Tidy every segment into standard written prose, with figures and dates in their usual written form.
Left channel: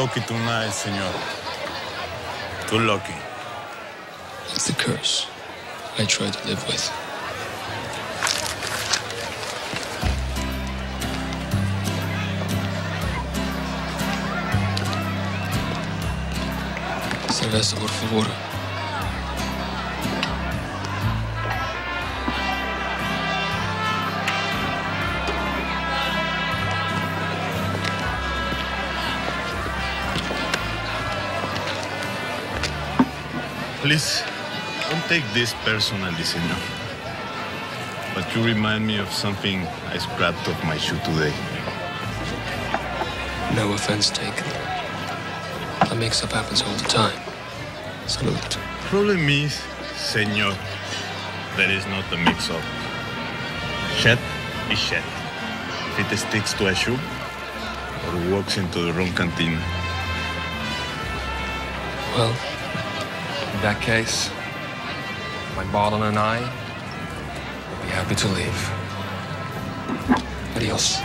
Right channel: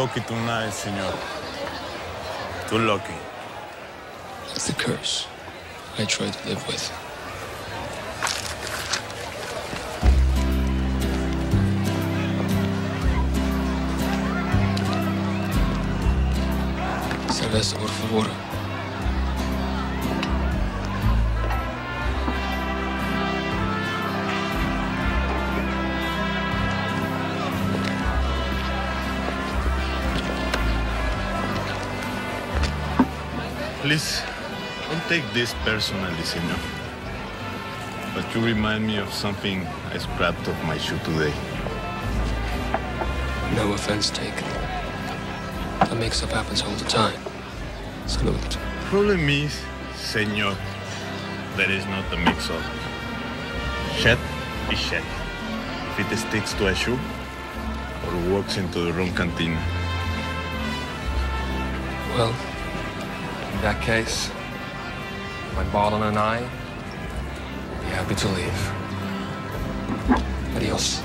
lucky tonight, senor. Too lucky. It's a curse I try to live with. Cerveza, por favor. Please, don't take this personally, senor. But you remind me of something I scrapped off my shoe today. No offense taken. A mix-up happens all the time. Salute. Problem is, senor, there is not a mix-up. Shed is shed. If it sticks to a shoe or walks into the wrong cantina. Well, in that case, my bottle and I will be happy to leave. Adios.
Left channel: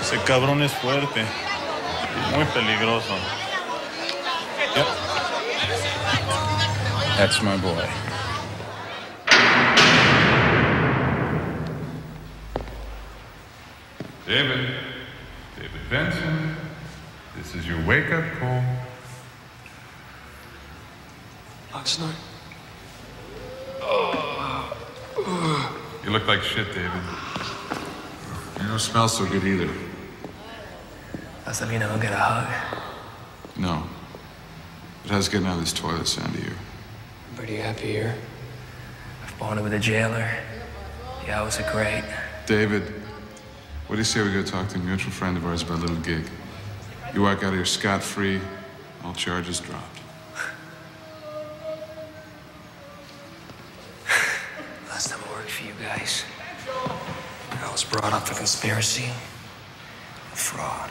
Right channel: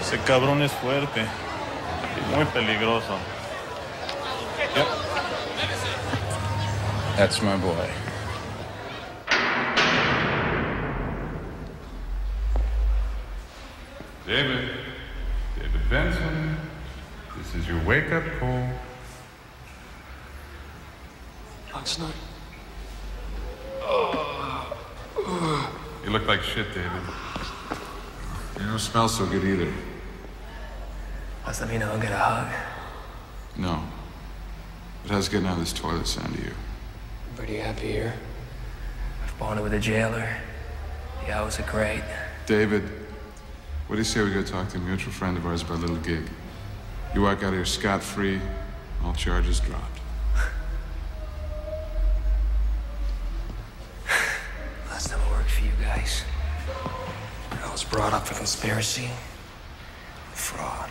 Ese cabrón es fuerte y muy peligroso. Yep. That's my boy. David Benson, this is your wake-up call. Last night. You look like shit, David. You don't smell so good either. Must have, get a hug. No. But how's getting out of this toilet sound to you? I'm pretty happy here. I've bonded with a jailer. The hours are great. David, what do you say we go talk to a mutual friend of ours about a little gig? You walk out of here scot-free, all charges dropped. Last time I worked for you guys, I was brought up for conspiracy and fraud.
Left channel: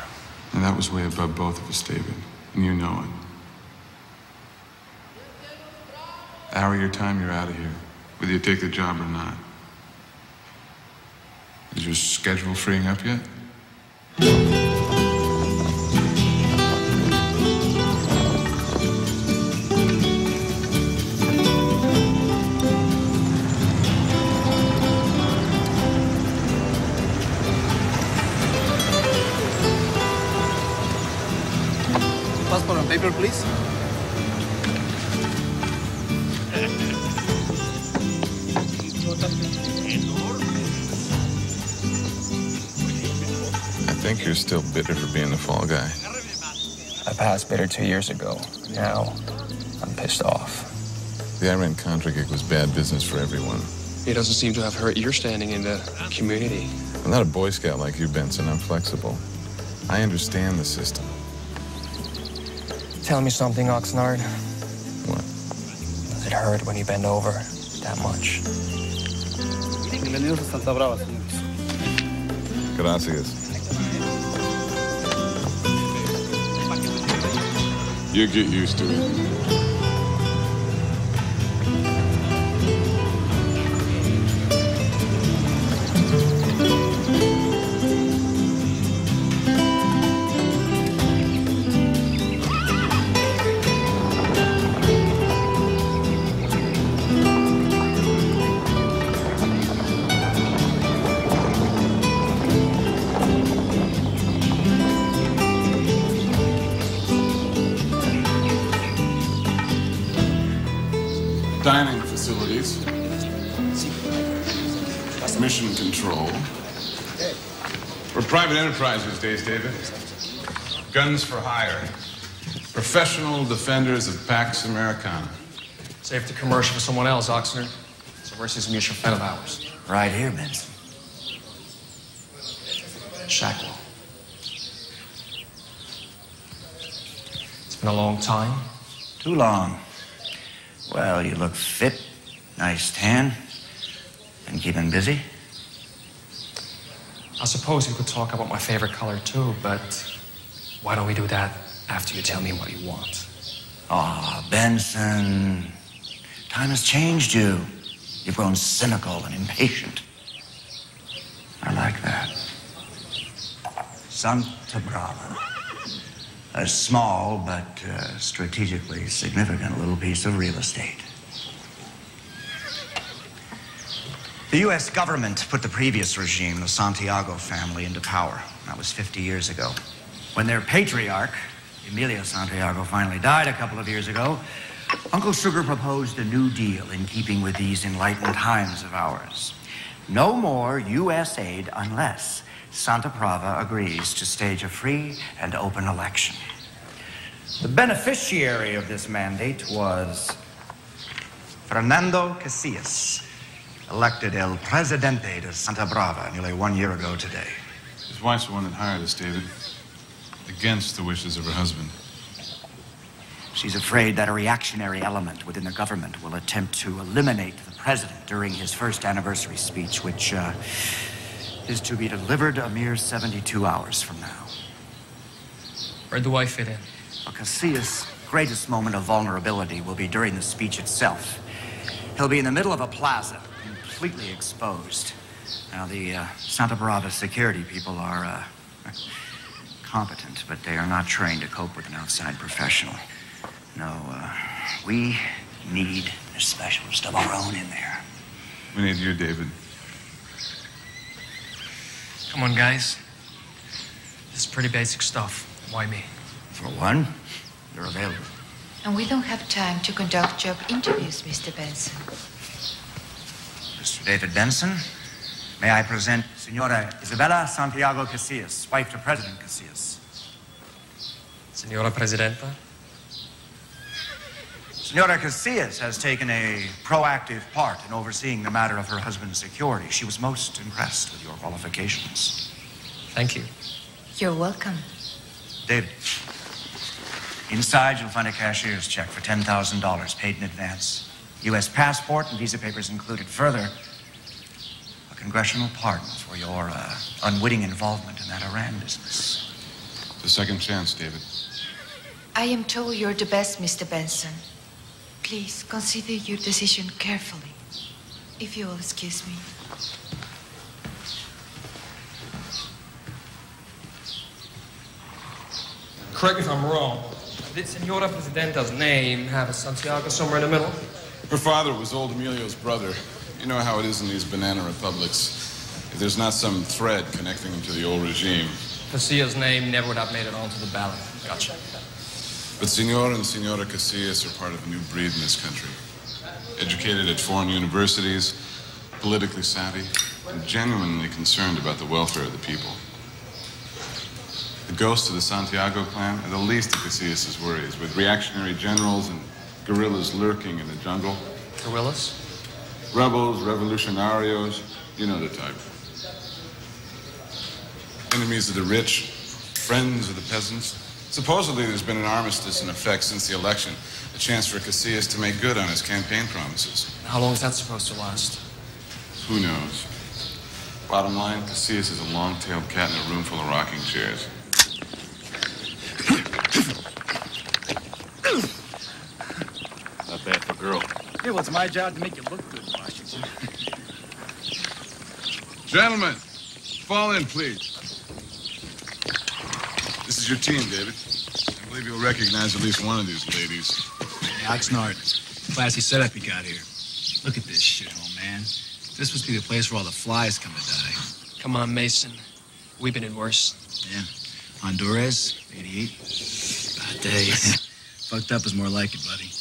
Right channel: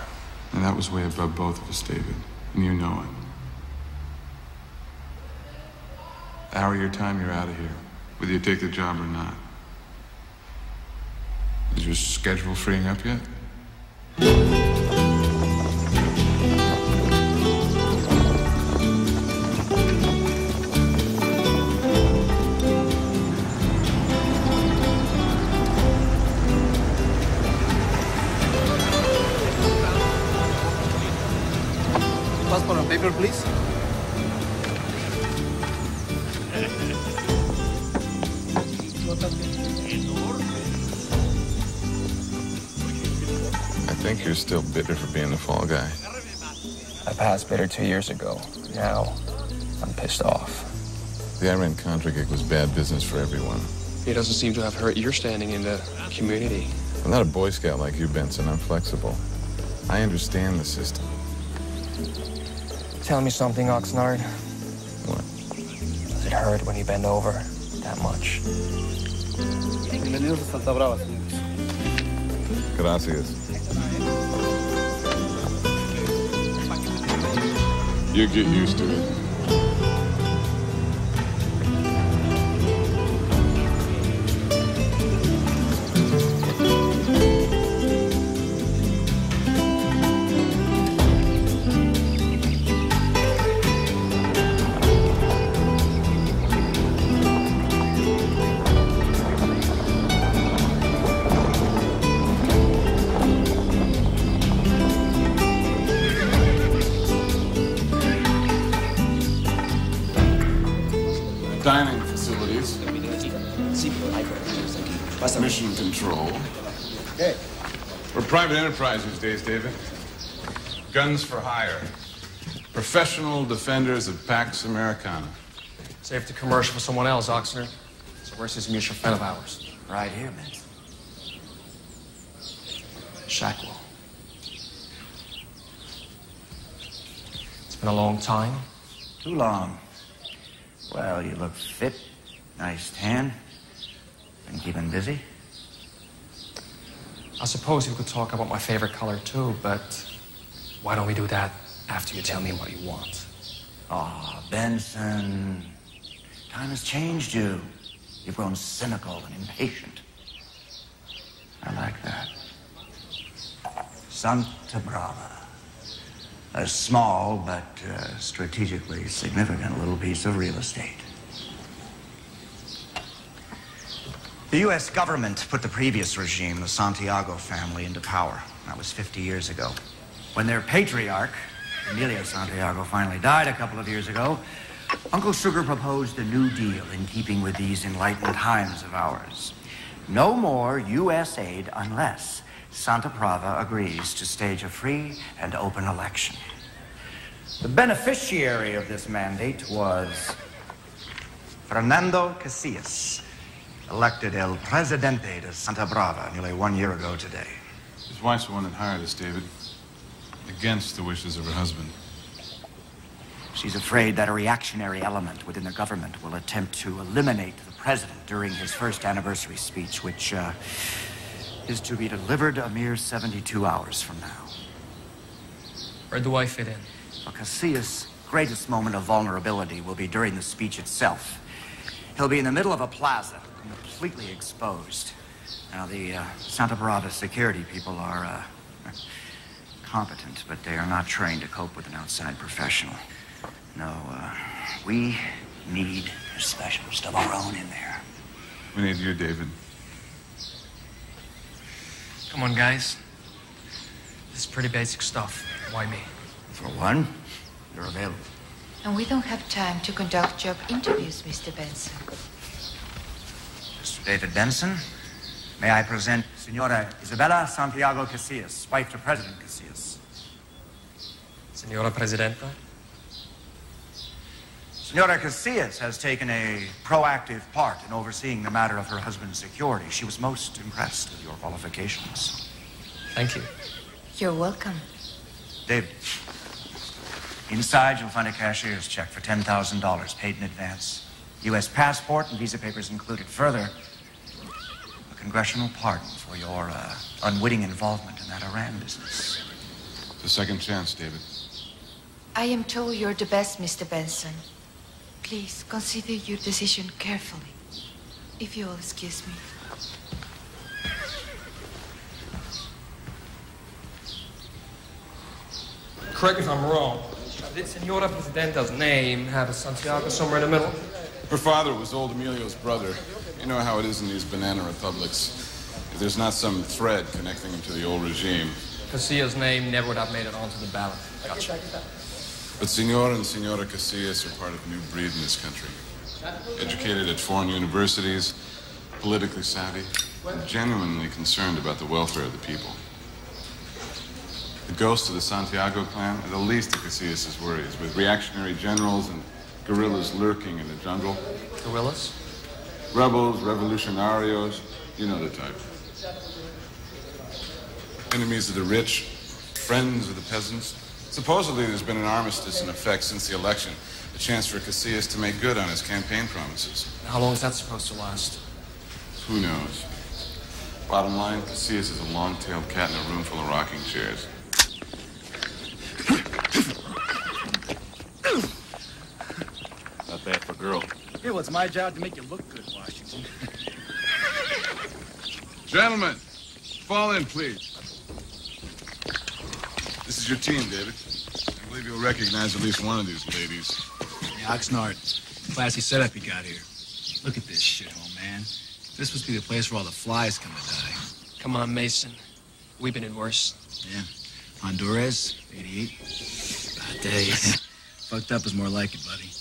And that was way above both of us, David. And you know it. Hour of your time, you're out of here. Whether you take the job or not. Is your schedule freeing up yet? Liquor, please. I think you're still bitter for being the fall guy. I passed bitter 2 years ago. Now, I'm pissed off. The Iran-Contra gig was bad business for everyone. It doesn't seem to have hurt your standing in the community. I'm not a Boy Scout like you, Benson. I'm flexible. I understand the system. Tell me something, Oxnard. What? Does it hurt when you bend over that much? Bienvenidos a Santa Brava, señores. Gracias. You get used to it. Dining facilities. Mission control. We're private enterprise these days, David. Guns for hire. Professional defenders of Pax Americana. Save the commercial for someone else, Oxnard. So where's this mutual friend of ours? Right here, Benson. Shackwell. It's been a long time. Too long. Well, you look fit. Nice tan. Been keeping busy? I suppose you could talk about my favorite color, too, but why don't we do that after you tell me what you want? Ah, Benson. Time has changed you. You've grown cynical and impatient. I like that. Santa Brava. A small but strategically significant little piece of real estate. The U.S. government put the previous regime, the Santiago family, into power. That was 50 years ago. When their patriarch, Emilio Santiago, finally died a couple of years ago, Uncle Sugar proposed a new deal in keeping with these enlightened times of ours. No more U.S. aid unless Santa Brava agrees to stage a free and open election. The beneficiary of this mandate was Fernando Casillas, elected El Presidente de Santa Brava nearly 1 year ago today. His wife's the one that hired us, David. Against the wishes of her husband. She's afraid that a reactionary element within the government will attempt to eliminate the president during his first anniversary speech, which is to be delivered a mere 72 hours from now. Where do I fit in? Well, Casillas' greatest moment of vulnerability will be during the speech itself. He'll be in the middle of a plaza, completely exposed. Now, the Santa Brava security people are competent, but they are not trained to cope with an outside professional. No, we need a specialist of our own in there. We need you, David. Come on, guys. This is pretty basic stuff. Why me? For one, you're available. And we don't have time to conduct job interviews, Mr. Benson. Mr. David Benson, may I present Senora Isabella Santiago Casillas, wife to President Casillas. Senora Presidenta? Senora Casillas has taken a proactive part in overseeing the matter of her husband's security. She was most impressed with your qualifications. Thank you. You're welcome. David, inside you'll find a cashier's check for $10,000 paid in advance. U.S. passport and visa papers included. Further, a congressional pardon for your unwitting involvement in that Iran business. The second chance, David. I am told you're the best, Mr. Benson. Please consider your decision carefully, if you'll excuse me. Correct me if I'm wrong. Did Senora Presidenta's name have a Santiago somewhere in the middle? Her father was old Emilio's brother. You know how it is in these banana republics. If there's not some thread connecting them to the old regime. Casillas' name never would have made it onto the ballot. Gotcha. But Senor and Senora Casillas are part of a new breed in this country. Educated at foreign universities, politically savvy, and genuinely concerned about the welfare of the people. The ghosts of the Santiago clan are the least of Casillas' worries, with reactionary generals and guerrillas lurking in the jungle. Guerrillas? Rebels, revolucionarios, you know the type. Enemies of the rich, friends of the peasants. Supposedly there's been an armistice in effect since the election, a chance for Casillas to make good on his campaign promises. How long is that supposed to last? Who knows? Bottom line, Casillas is a long-tailed cat in a room full of rocking chairs. Not bad for a girl. Yeah, well, it's my job to make you look good, Washington. Gentlemen, fall in, please. This is your team, David. I believe you'll recognize at least one of these ladies. Oxnard, classy setup you got here. Look at this shithole, man. This must be the place where all the flies come to die. Come on, Mason. We've been in worse. Yeah. Honduras, 88. Bad days. Fucked up is more like it, buddy.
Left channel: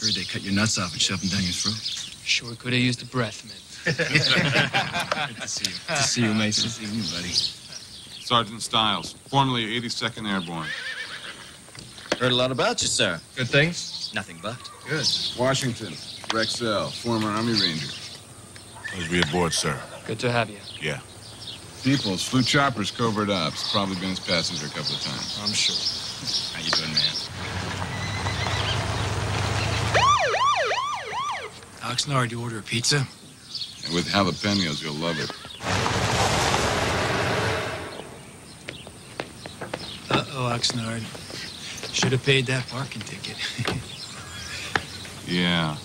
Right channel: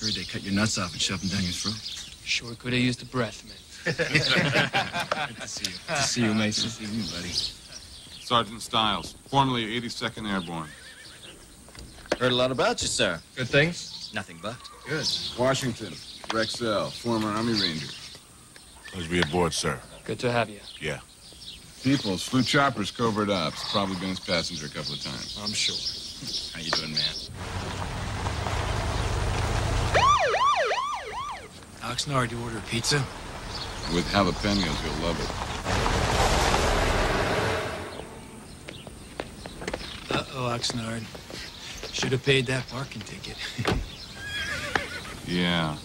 Heard they cut your nuts off and shoved them down your throat. Sure could have used a breath, man. Good to see you. Good to see you, Mason. Good to see you, buddy. Sergeant Stiles, formerly 82nd Airborne. Heard a lot about you, sir. Good things? Nothing but. Good. Washington, Rexell, former Army Ranger. Pleasure to be aboard, sir. Good to have you. Yeah. Peoples, flew choppers, covert ops. Probably been his passenger a couple of times. I'm sure. How you doing, man? Oxnard, you order a pizza? And with jalapenos, you'll love it. Uh-oh, Oxnard. Should have paid that parking ticket. Yeah.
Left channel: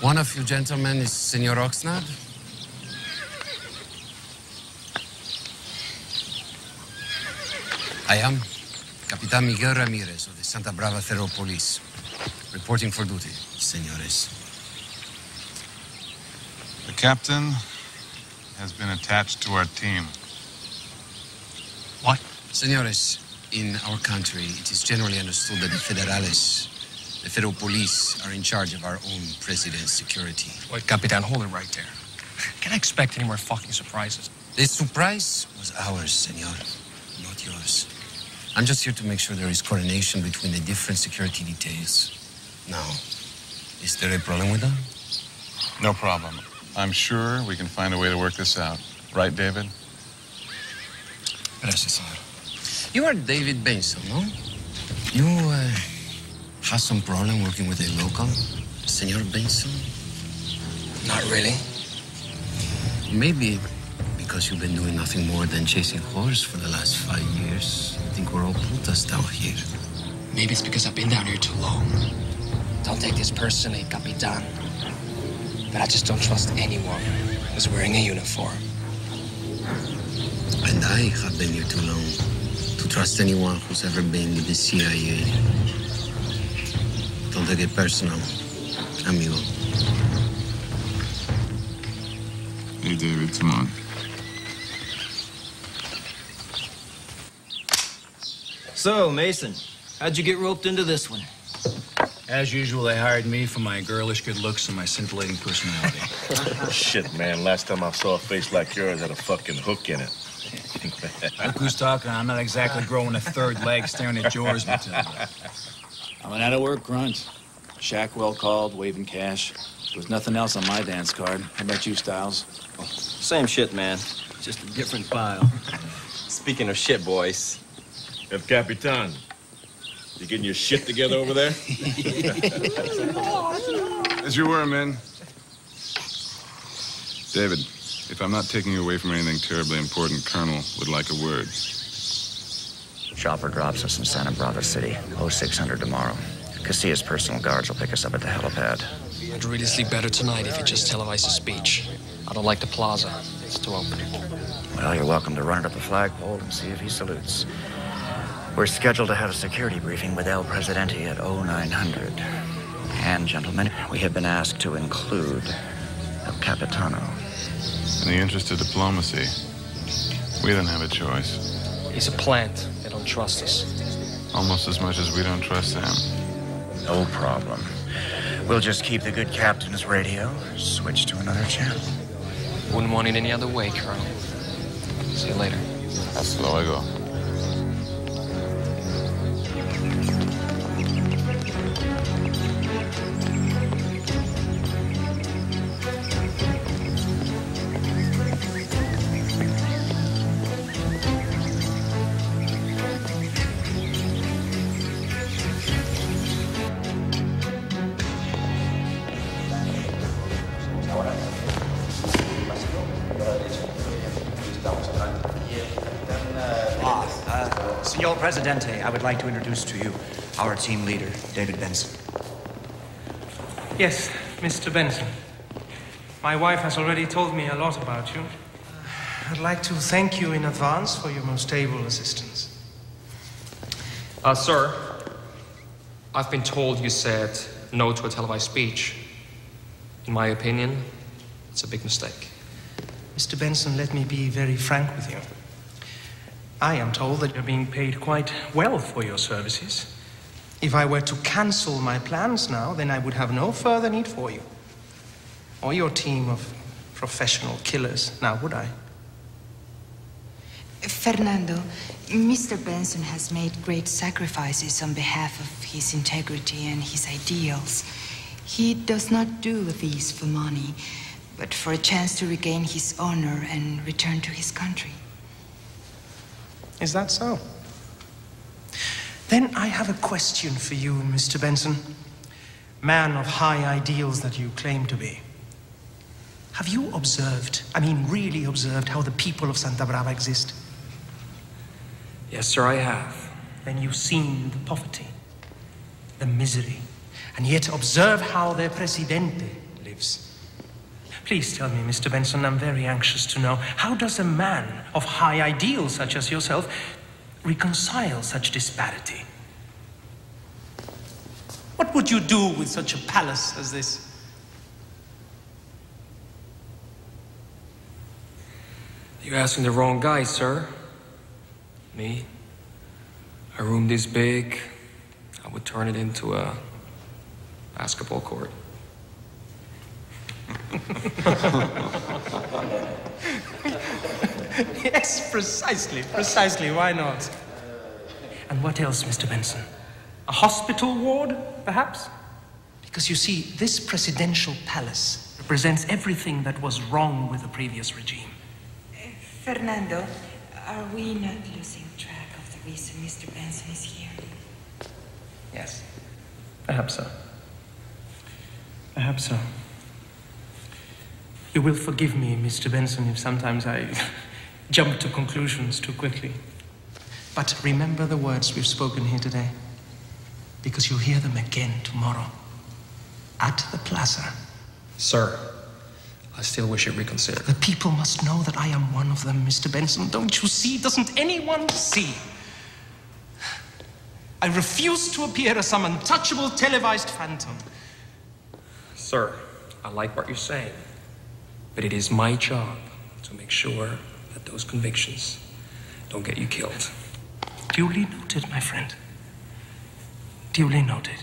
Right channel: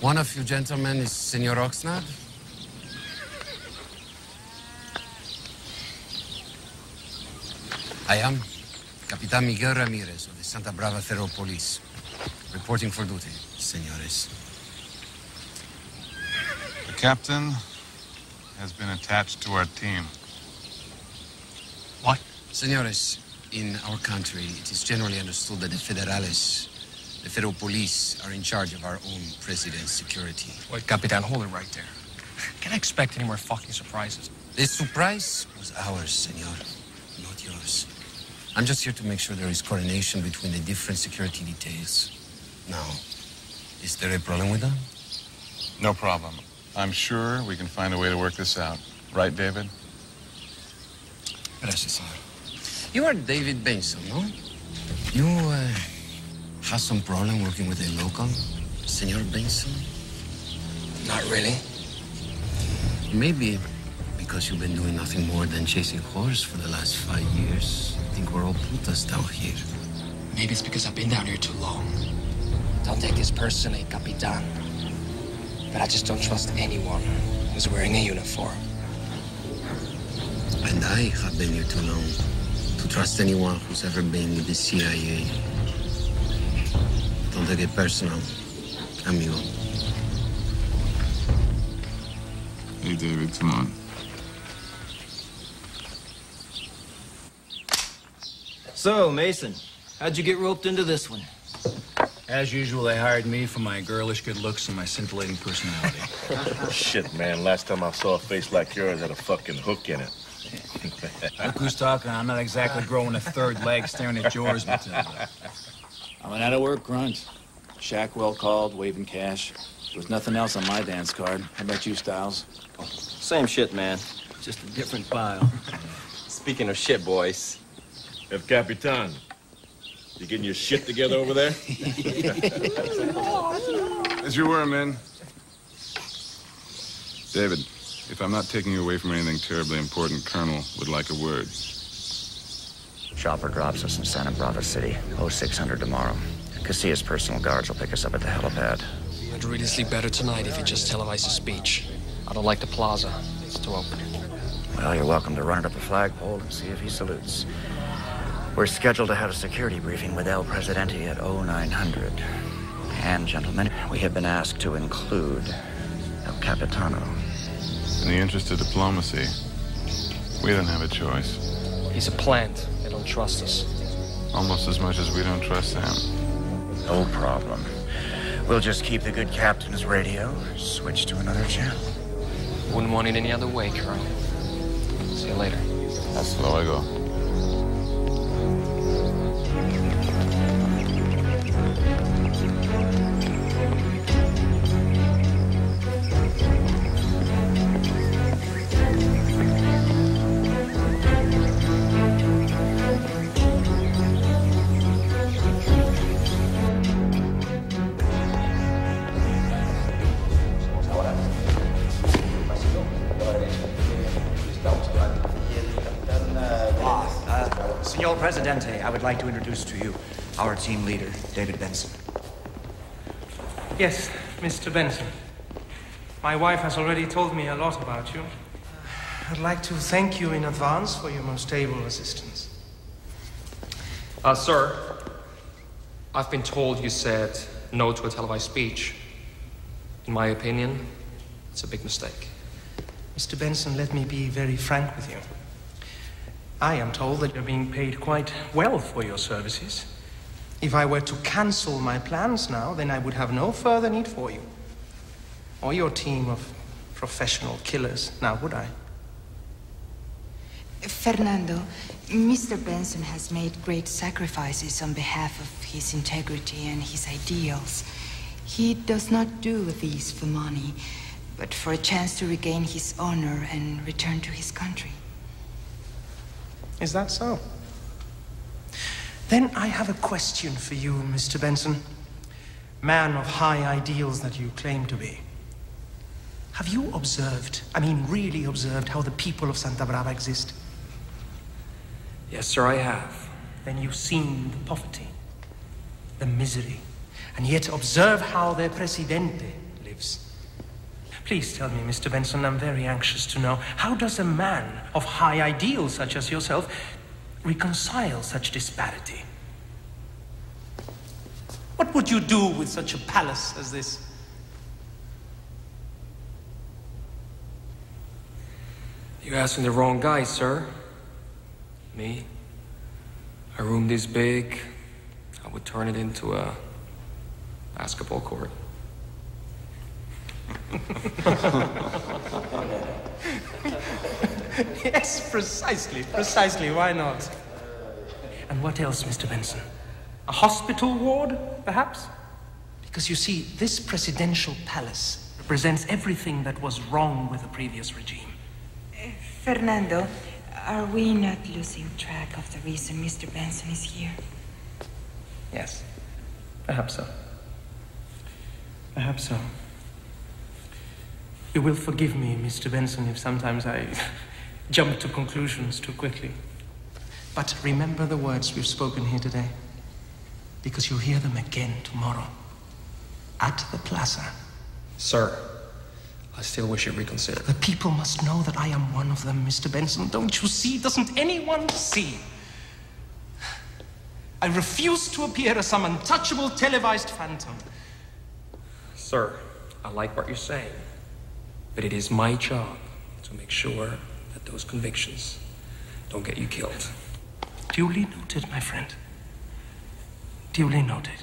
One of you gentlemen is Senor Oxnard? I am Capitan Miguel Ramirez of the Santa Brava Federal Police. Reporting for duty, senores. The captain has been attached to our team. What? Senores, in our country, it is generally understood that the Federales, the Federal Police, are in charge of our own president's security. Wait, Capitan, hold it right there. Can I expect any more fucking surprises? The surprise was ours, senor, not yours. I'm just here to make sure there is coordination between the different security details. Now, is there a problem with that? No problem. I'm sure we can find a way to work this out. Right, David? Gracias, senor. You are David Benson, no? You, have some problem working with a local, Senor Benson? Not really. Maybe because you've been doing nothing more than chasing horse for the last 5 years. I think we're all putas down here. Maybe it's because I've been down here too long. Don't take this personally, Capitan. But I just don't trust anyone who's wearing a uniform. And I have been here too long to trust anyone who's ever been with the CIA. Don't take it personal, amigo. Hey, David, come on. So, Mason, how'd you get roped into this one? As usual, they hired me for my girlish good looks and my scintillating personality. Shit, man. Last time I saw a face like yours had a fucking hook in it. Look who's talking. I'm not exactly growing a third leg staring at yours, Matilda. I'm an out-of-work grunt. Shack well called, waving cash. There was nothing else on my dance card. How about you, Stiles? Same shit, man. Just a different pile. Speaking of shit, boys. El Capitan, you getting your shit together over there? As you were, men. David, if I'm not taking you away from anything terribly important, Colonel would like a word. Chopper drops us in Santa Brava City, 0600 tomorrow. Casillas' personal guards will pick us up at the helipad. I'd really sleep better tonight if you just televise the speech. I don't like the plaza. It's too open. Well, you're welcome to run it up the flagpole and see if he salutes. We're scheduled to have a security briefing with El Presidente at 0900. And, gentlemen, we have been asked to include El Capitano. In the interest of diplomacy, we don't have a choice. He's a plant. They don't trust us. Almost as much as we don't trust him. No problem. We'll just keep the good captain's radio, switch to another channel. Wouldn't want it any other way, Colonel. See you later. Hasta luego. Senor Presidente, I would like to introduce to you our team leader, David Benson. Yes, Mr. Benson. My wife has already told me a lot about you. I'd like to thank you in advance for your most able assistance. Sir, I've been told you said no to a televised speech. In my opinion, it's a big mistake. Mr. Benson, let me be very frank with you. I am told that you're being paid quite well for your services. If I were to cancel my plans now, then I would have no further need for you. Or your team of professional killers, now would I? Fernando, Mr. Benson has made great sacrifices on behalf of his integrity and his ideals. He does not do these for money, but for a chance to regain his honor and return to his country. Is that so? Then I have a question for you, Mr. Benson. Man of high ideals that you claim to be. Have you observed, really observed, how the people of Santa Brava exist? Yes, sir, I have. Then you've seen the poverty, the misery, and yet observe how their presidente lives. Please tell me, Mr. Benson, I'm very anxious to know, how does a man of high ideals such as yourself reconcile such disparity? What would you do with such a palace as this? You're asking the wrong guy, sir. Me? A room this big, I would turn it into a basketball court. Yes, precisely, why not? And what else, Mr. Benson? A hospital ward, perhaps? Because you see, this presidential palace represents everything that was wrong with the previous regime. Fernando, are we not losing track of the reason Mr. Benson is here? Yes, perhaps so. Perhaps so. You will forgive me, Mr. Benson, if sometimes I jump to conclusions too quickly. But remember the words we've spoken here today, because you'll hear them again tomorrow at the plaza. Sir, I still wish you'd reconsider. The people must know that I am one of them, Mr. Benson. Don't you see? Doesn't anyone see? I refuse to appear as some untouchable televised phantom. Sir, I like what you're saying, but it is my job to make sure that those convictions don't get you killed. Duly noted, my friend. Duly noted.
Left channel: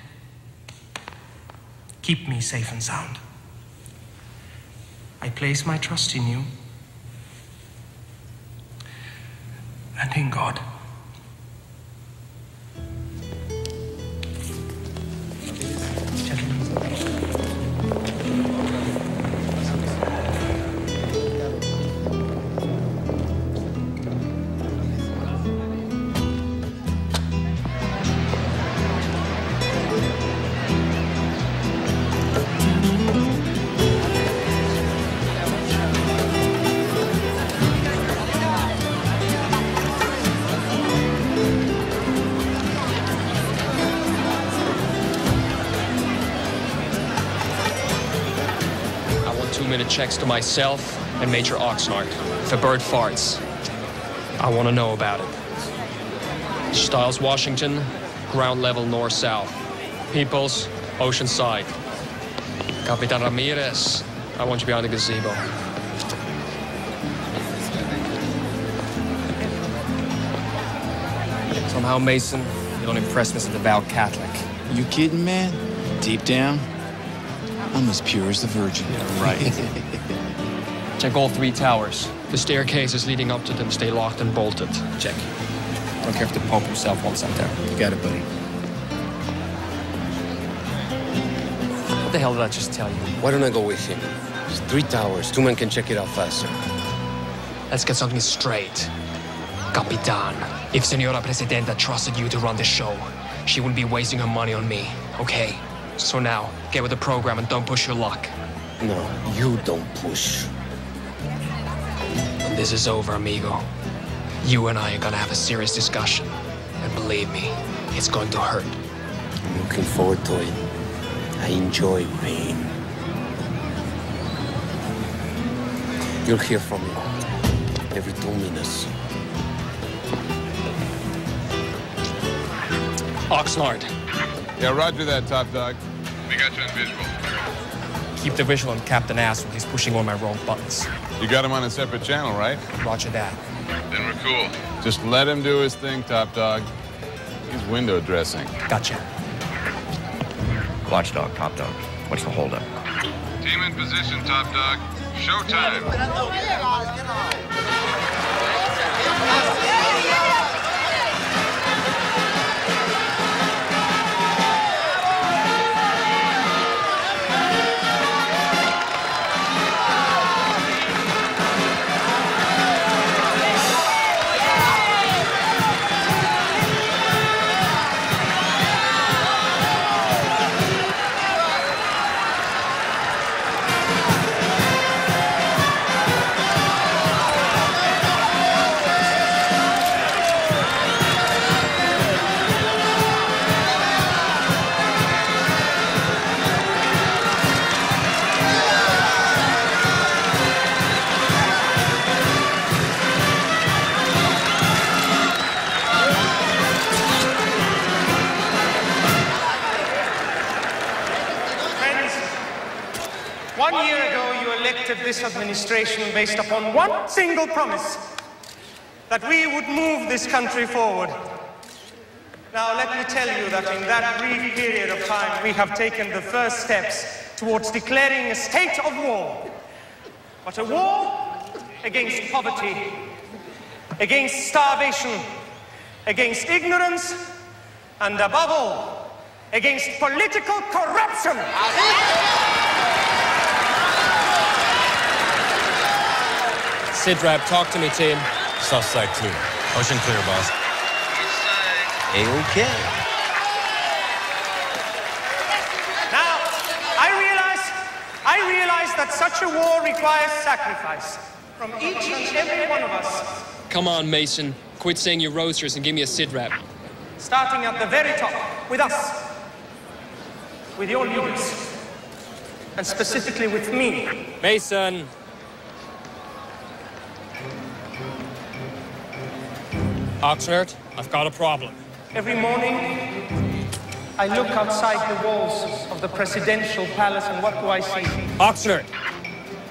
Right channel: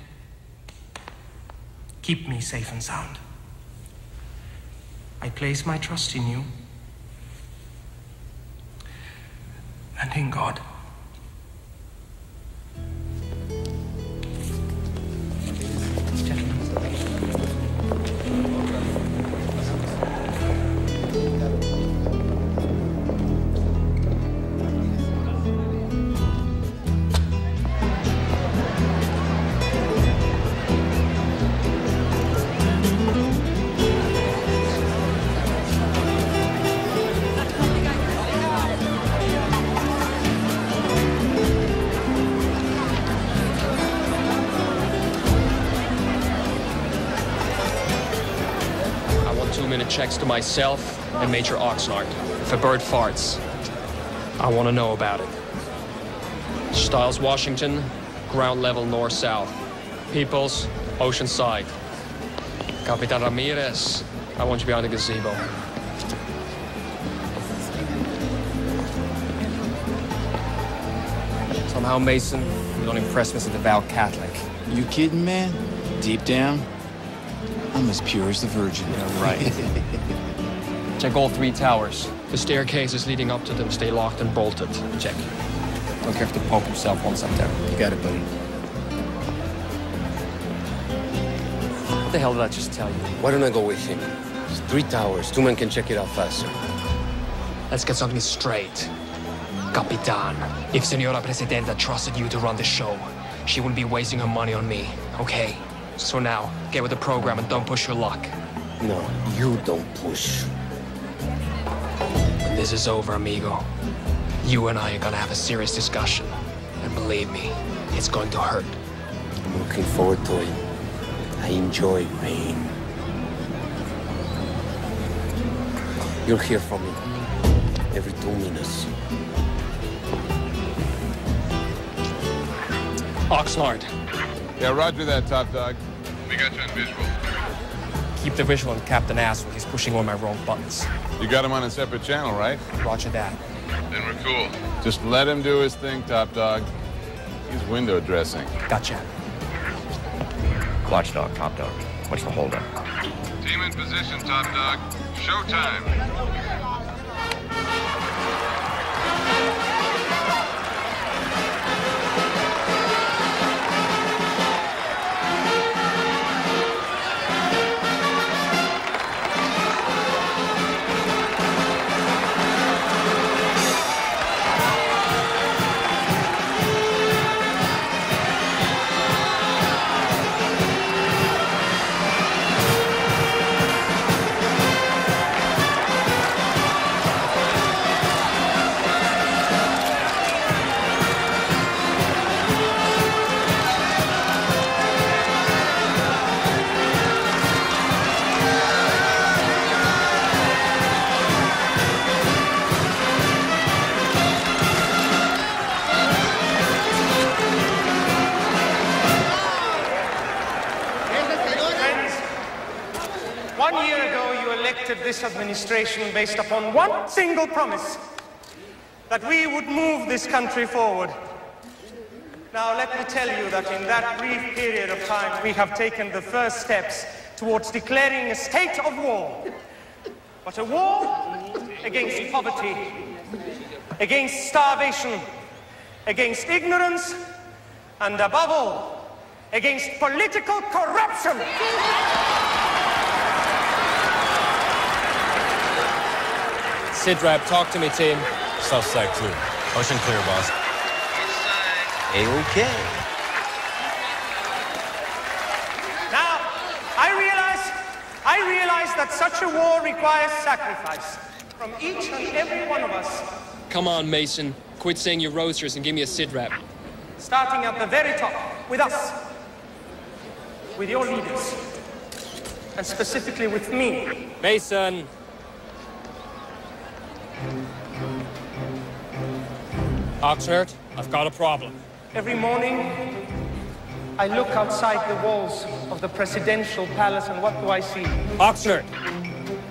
Keep me safe and sound. I place my trust in you and in God. Checks to myself and Major Oxnard. If a bird farts, I want to know about it. Stiles, Washington, ground level north-south. Peoples, oceanside. Capitan Ramirez, I want you behind the gazebo. Somehow, Mason, you don't impress me as a devout Catholic. You kidding, man? Deep down, I'm as pure as the Virgin. Yeah, right. Check all 3 towers. The staircases leading up to them stay locked and bolted. Check. I don't care if the Pope himself wants up there. You got it, buddy. What the hell did I just tell you? Why don't I go with him? It's 3 towers. 2 men can check it out faster. Let's get something straight. Capitan, if Senora Presidenta trusted you to run the show, she will be wasting her money on me, okay? So now, get with the program and don't push your luck. No, you don't push. When this is over, amigo, you and I are gonna have a serious discussion. And believe me, it's going to hurt. I'm looking forward to it. I enjoy pain. You'll hear from me every 2 minutes. Oxnard. Yeah, roger that, top dog. We got you on visual. Keep the visual on Captain Asshole. He's pushing all my wrong buttons. You got him on a separate channel, right? Roger that. Then we're cool. Just let him do his thing, top dog. He's window dressing. Gotcha. Watchdog, top dog. What's the holdup? Team in position, top dog. Showtime. This administration based upon one single promise, that we would move this country forward. Now, let me tell you that in that brief period of time, we have taken the first steps towards declaring a state of war. But a war against poverty, against starvation, against ignorance, and above all, against political corruption. Sidrap, talk to me, team. South side clear. Ocean clear, boss. A-okay. Now, I realize that such a war requires sacrifice from each and every one of us. Come on, Mason. Quit saying your roasters and give me a Sidrap. Starting at the very top, with us. With your leaders. And specifically with me. Mason. Oxnard, I've got a problem. Every morning, I look outside the walls of the presidential palace, and what do I see? Oxnard!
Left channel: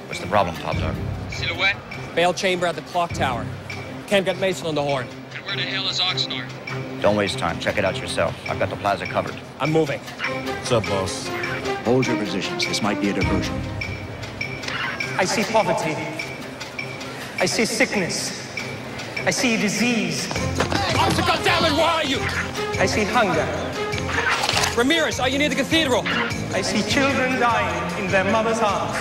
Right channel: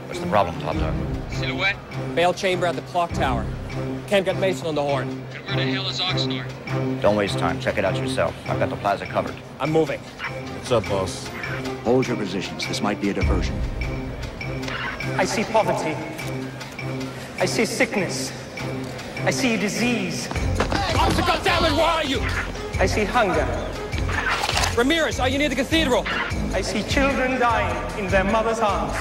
What's the problem, top dog? Silhouette? Bail chamber at the clock tower. Can't get Mason on the horn. And where the hell is Oxnard? Don't waste time. Check it out yourself. I've got the plaza covered. I'm moving. What's up, boss? Hold your positions. This might be a diversion. I see poverty. I see sickness. I see disease. Officer, goddammit, where are you? I see hunger. Ramirez, are you near the cathedral? I see children dying in their mother's arms.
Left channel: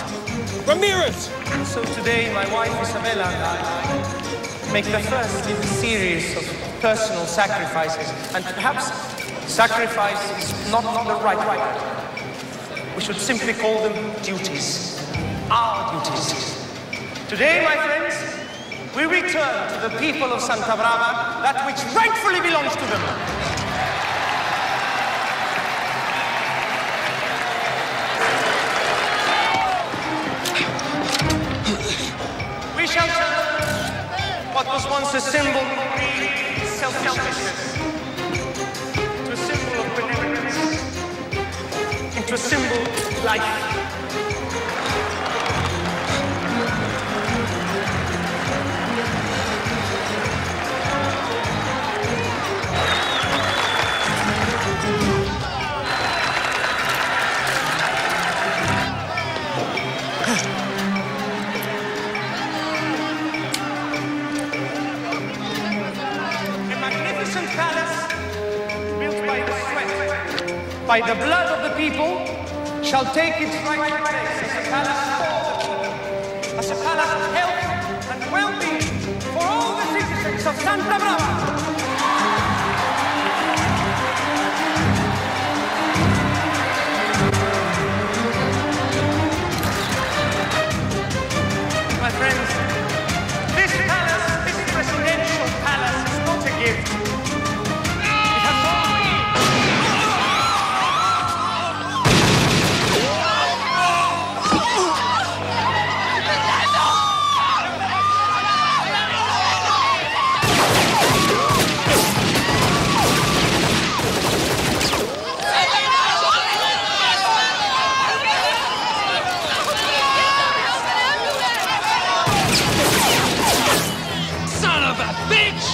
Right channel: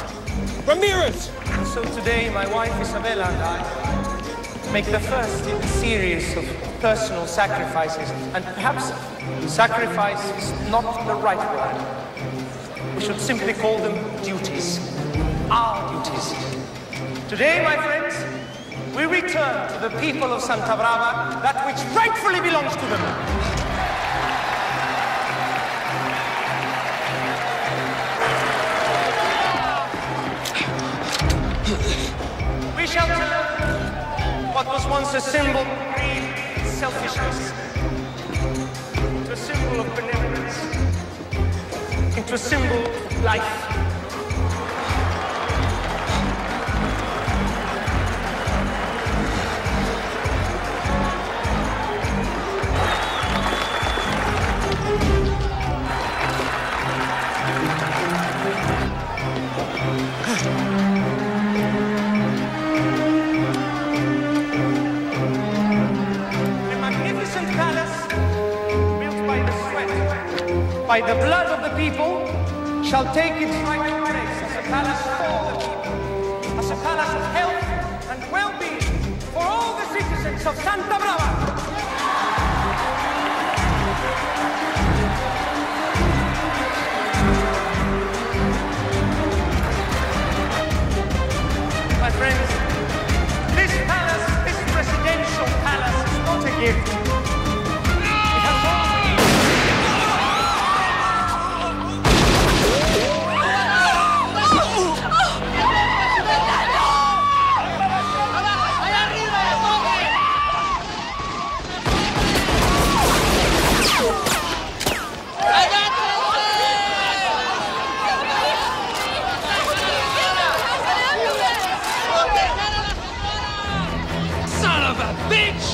Ramirez! So today, my wife Isabella and I make the first in a series of personal sacrifices. And perhaps sacrifice is not the right word. We should simply call them duties. Our duties. Today, my friends, we return to the people of Santa Brava that which rightfully belongs to them. We shall turn what was once a symbol of greed and selfishness into a symbol of benevolence, into a symbol of life. by the blood of the people, shall take its rightful place as a palace for the people, as a palace of health and well-being for all the citizens of Santa Brava. My friends, this palace, this presidential palace, is not a gift. It has always... Son of a bitch!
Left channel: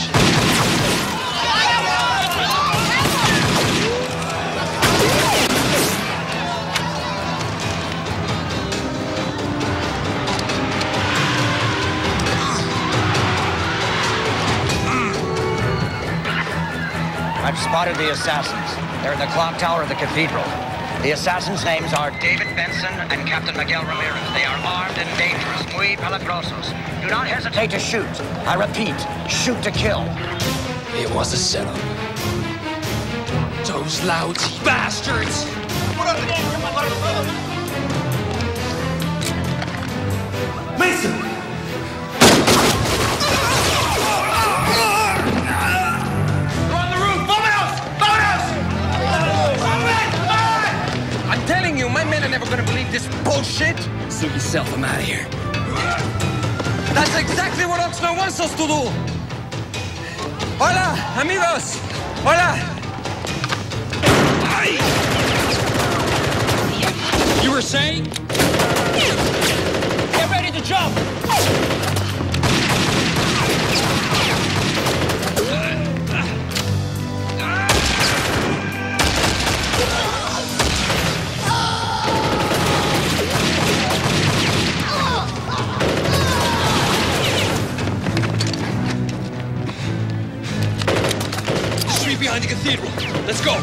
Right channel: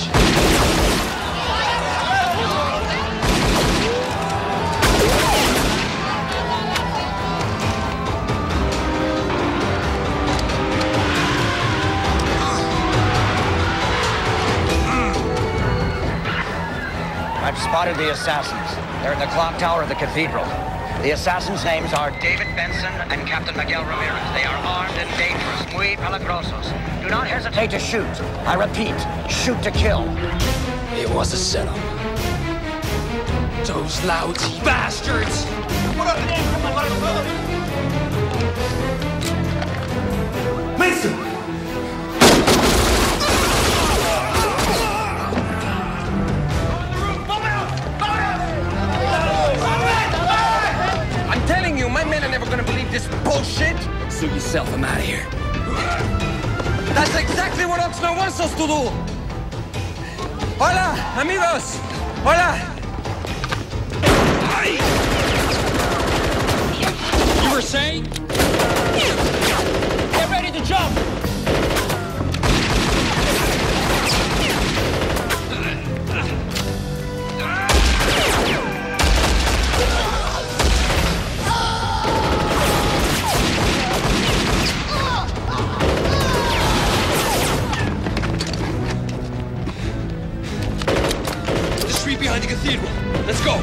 I've spotted the assassins. They're in the clock tower of the cathedral. The assassins' names are David Benson and Captain Miguel Ramirez. They are armed and dangerous, muy peligrosos. Do not hesitate to shoot. I repeat, shoot to kill. It was a setup. Those lousy bastards! Mason! I'm telling you, my men are never gonna believe this bullshit. Suit yourself, I'm out of here. That's exactly what Oxnard wants us to do. Hola, amigos. Hola. You were saying? Get ready to jump. Behind the cathedral. Let's go.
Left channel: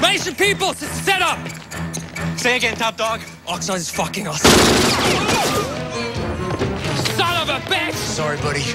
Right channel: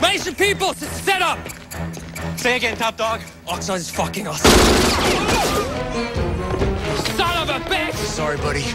Mason Peoples, it's set up. Say again, top dog. Oxnard is fucking us. Son of a bitch! Sorry, buddy.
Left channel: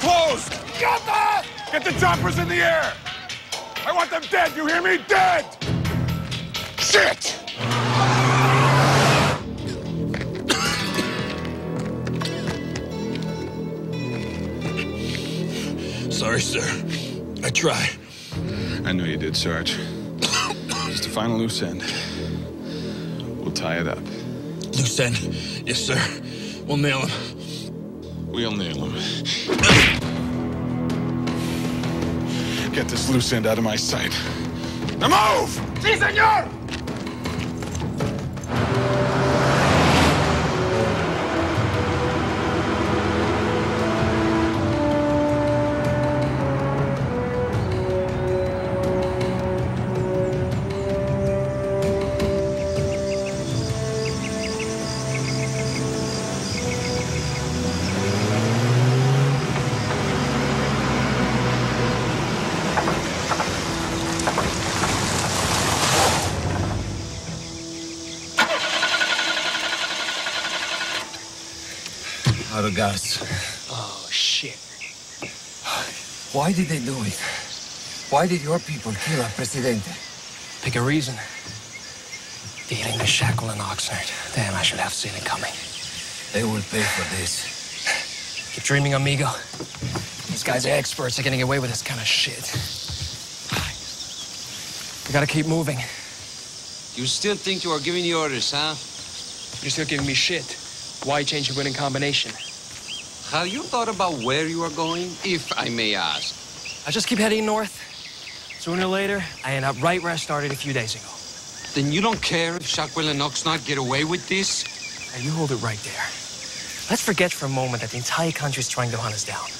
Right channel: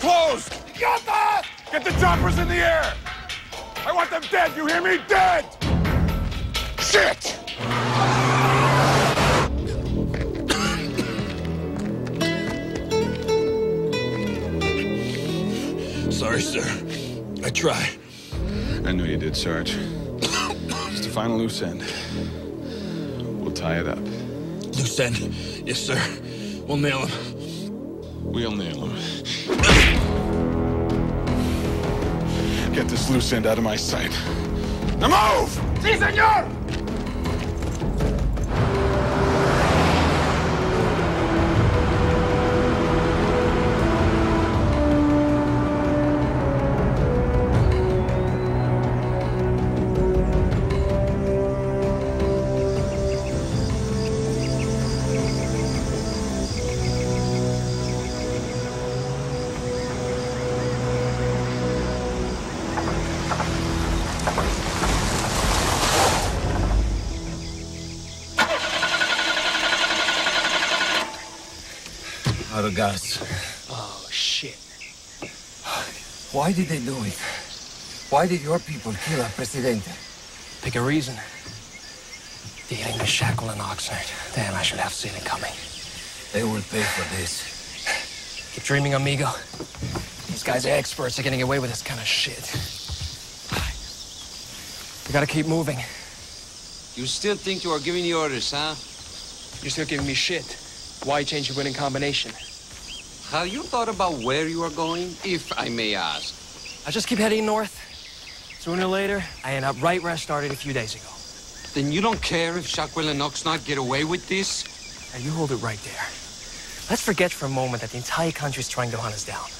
Closed! Got that! Get the choppers in the air! I want them dead, you hear me? Dead! Shit! Sorry, sir. I tried. I know you did, Sarge. Just a final loose end. We'll tie it up. Loose end? Yes, sir. We'll nail him. We'll nail him. Get this loose end out of my sight. Now move! Si, senor! Out of gas. Oh, shit. Why did they do it? Why did your people kill our presidente? Pick a reason. Dealing with Shackle and Oxnard. Damn, I should have seen it coming. They will pay for this. Keep dreaming, amigo. These guys are experts at getting away with this kind of shit. We gotta keep moving. You still think you are giving the orders, huh? You're still giving me shit. Why change a winning combination? Have you thought about where you are going, if I may ask? I just keep heading north. Sooner or later, I end up right where I started a few days ago. Then you don't care if Shackwell and Oxnard get away with this? Now, you hold it right there. Let's forget for a moment that the entire country's trying to hunt us down.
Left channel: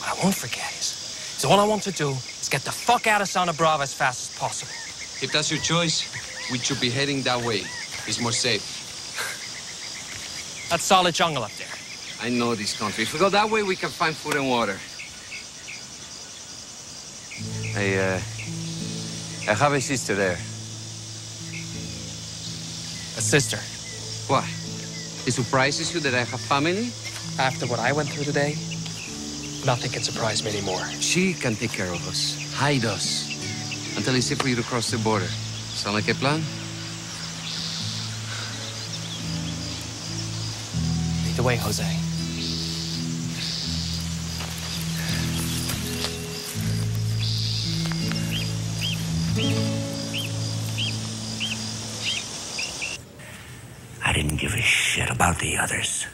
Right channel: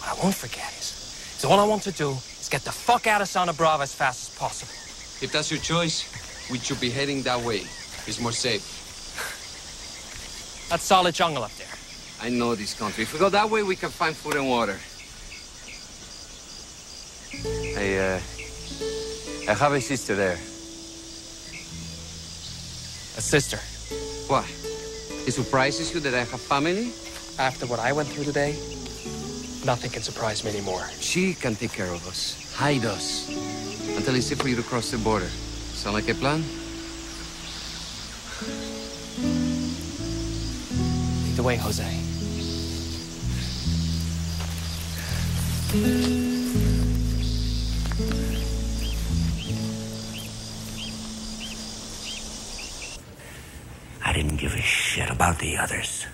What I won't forget is all I want to do is get the fuck out of Santa Brava as fast as possible. If that's your choice, we should be heading that way. It's more safe. That's solid jungle up there. I know this country. If we go that way, we can find food and water. I have a sister there. A sister? What? It surprises you that I have family? After what I went through today, nothing can surprise me anymore. She can take care of us, hide us, until it's safe for you to cross the border. Sound like a plan? Lead the way, Jose. I didn't give a shit about the others.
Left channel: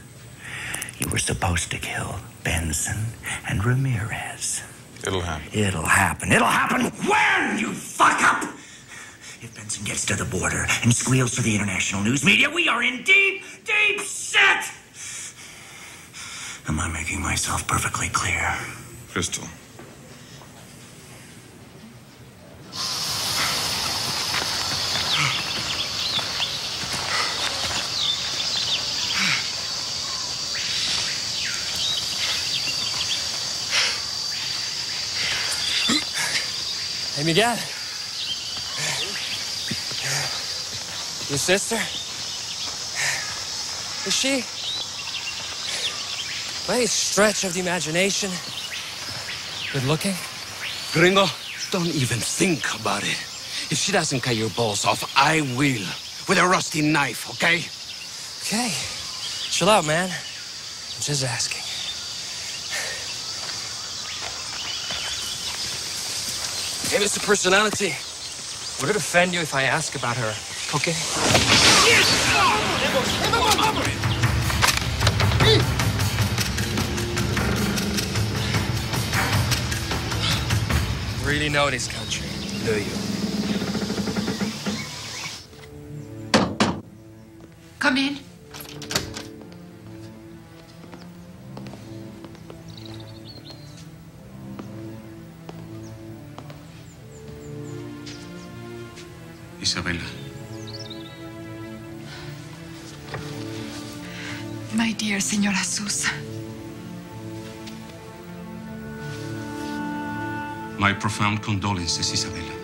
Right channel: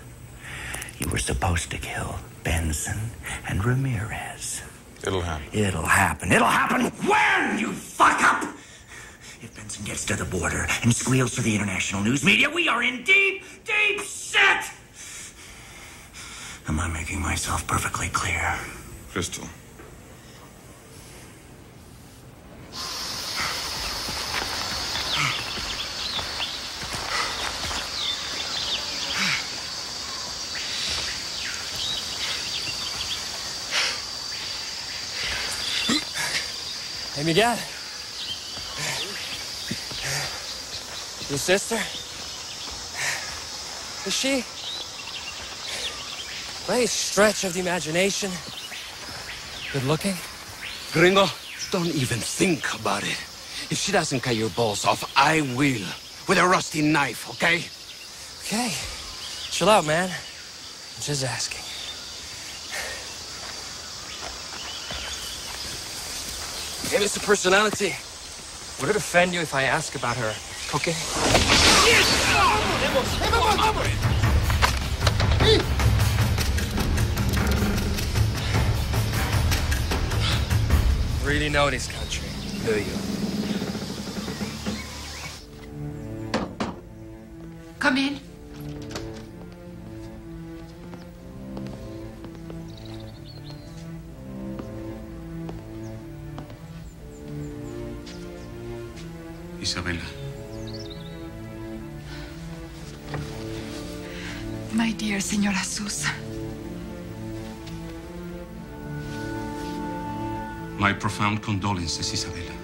You were supposed to kill Benson and Ramirez. It'll happen. It'll happen. It'll happen when you fuck up! If Benson gets to the border and squeals for the international news media, we are in deep, deep shit! Am I making myself perfectly clear? Crystal. Hey, Miguel. Your sister? Is she? By a stretch of the imagination, good looking? Gringo, don't even think about it. If she doesn't cut your balls off, I will. With a rusty knife, okay? Okay. Chill out, man. I'm just asking. Maybe it's a personality. Would it offend you if I ask about her cooking? Really know this country, do you? Come in. Isabella. My dear Señora Sousa. My profound condolences, Isabella.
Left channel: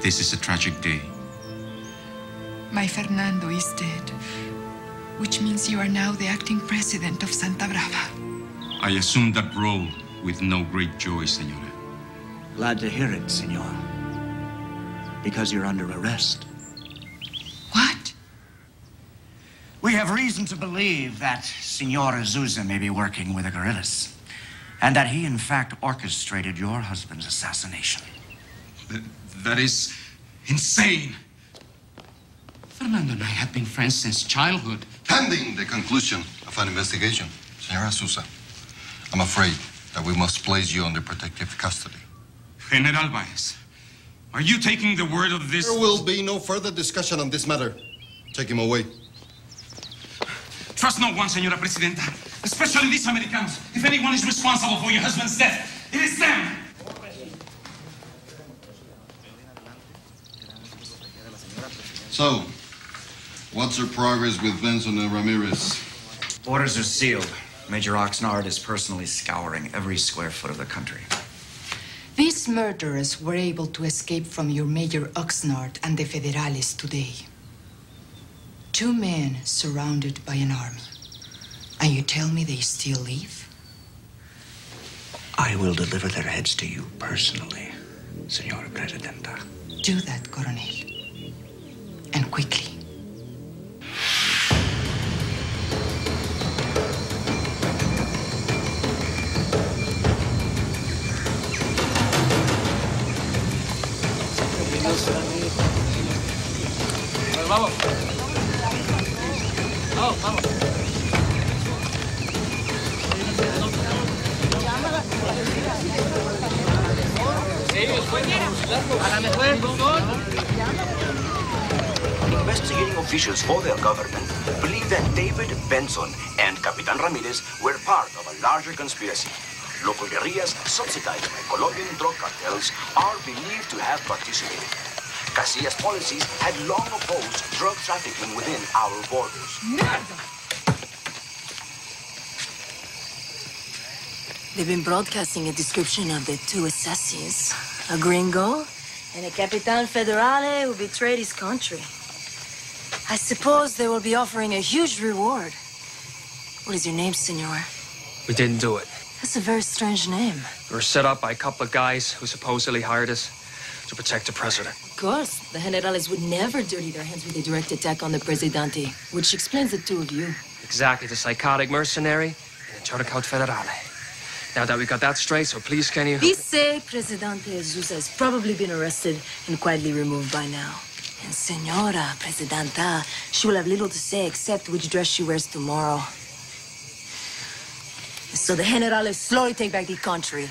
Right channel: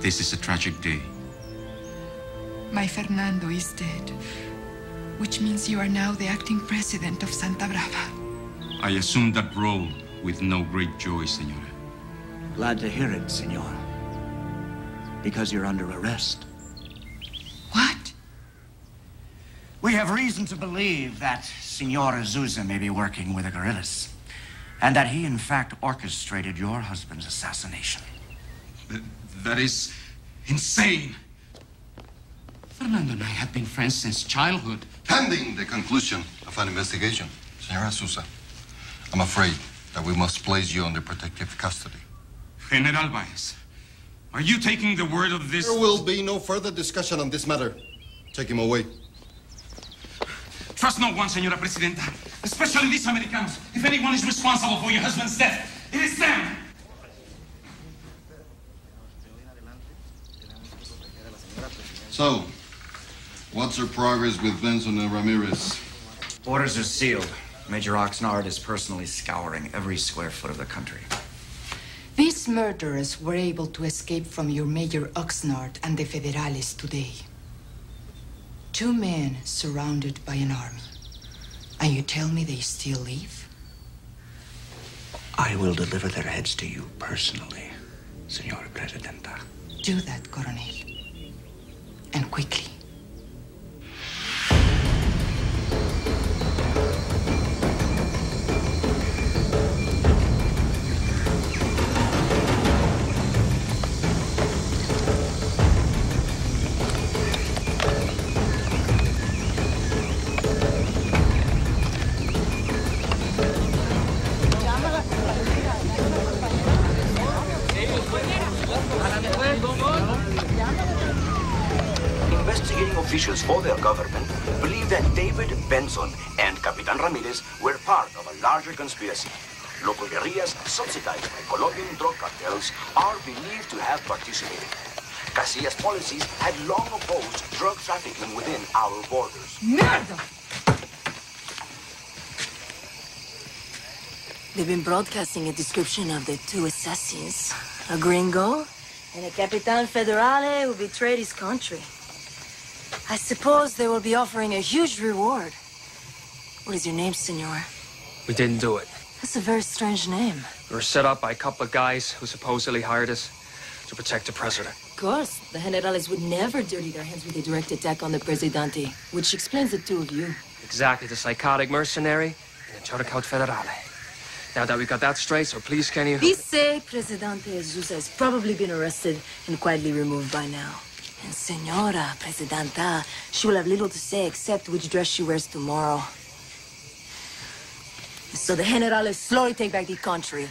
This is a tragic day. My Fernando is dead, which means you are now the acting president of Santa Brava. I assumed that role with no great joy, Senora. Glad to hear it, Senor. Because you're under arrest. What? We have reason to believe that Senor Sousa may be working with the guerrillas, and that he, in fact, orchestrated your husband's assassination. That is insane. Fernando and I have been friends since childhood. Pending the conclusion of an investigation, Senora Sousa, I'm afraid that we must place you under protective custody. General Baez, are you taking the word of this? There will be no further discussion on this matter. Take him away. Trust no one, Senora Presidenta, especially these Americans. If anyone is responsible for your husband's death, it is them. So, what's our progress with Benson and Ramirez? Orders are sealed. Major Oxnard is personally scouring every square foot of the country. This These murderers were able to escape from your Major Oxnard and the Federales today. 2 men surrounded by an army. And you tell me they still live? I will deliver their heads to you personally, Senora Presidenta. Do that, Coronel. And quickly. Investigating officials for their government believe that David Benson and Capitan Ramirez were part of a larger conspiracy. Local guerrillas, subsidized by Colombian drug cartels, are believed to have participated. Casillas' policies had long opposed drug trafficking within our borders. Murder! They've been broadcasting a description of the 2 assassins. A gringo and a Capitan Federale who betrayed his country. I suppose they will be offering a huge reward. What is your name, senor? We didn't do it. That's a very strange name. We were set up by a couple of guys who supposedly hired us to protect the president. Of course, the generales would never dirty their hands with a direct attack on the Presidente, which explains the 2 of you. Exactly, the psychotic mercenary and the turncoat federale. Now that we got that straight, so please can you... Dice Presidente Jesus has probably been arrested and quietly removed by now. And Senora Presidenta, she will have little to say except which dress she wears tomorrow. So the generales slowly take back the country.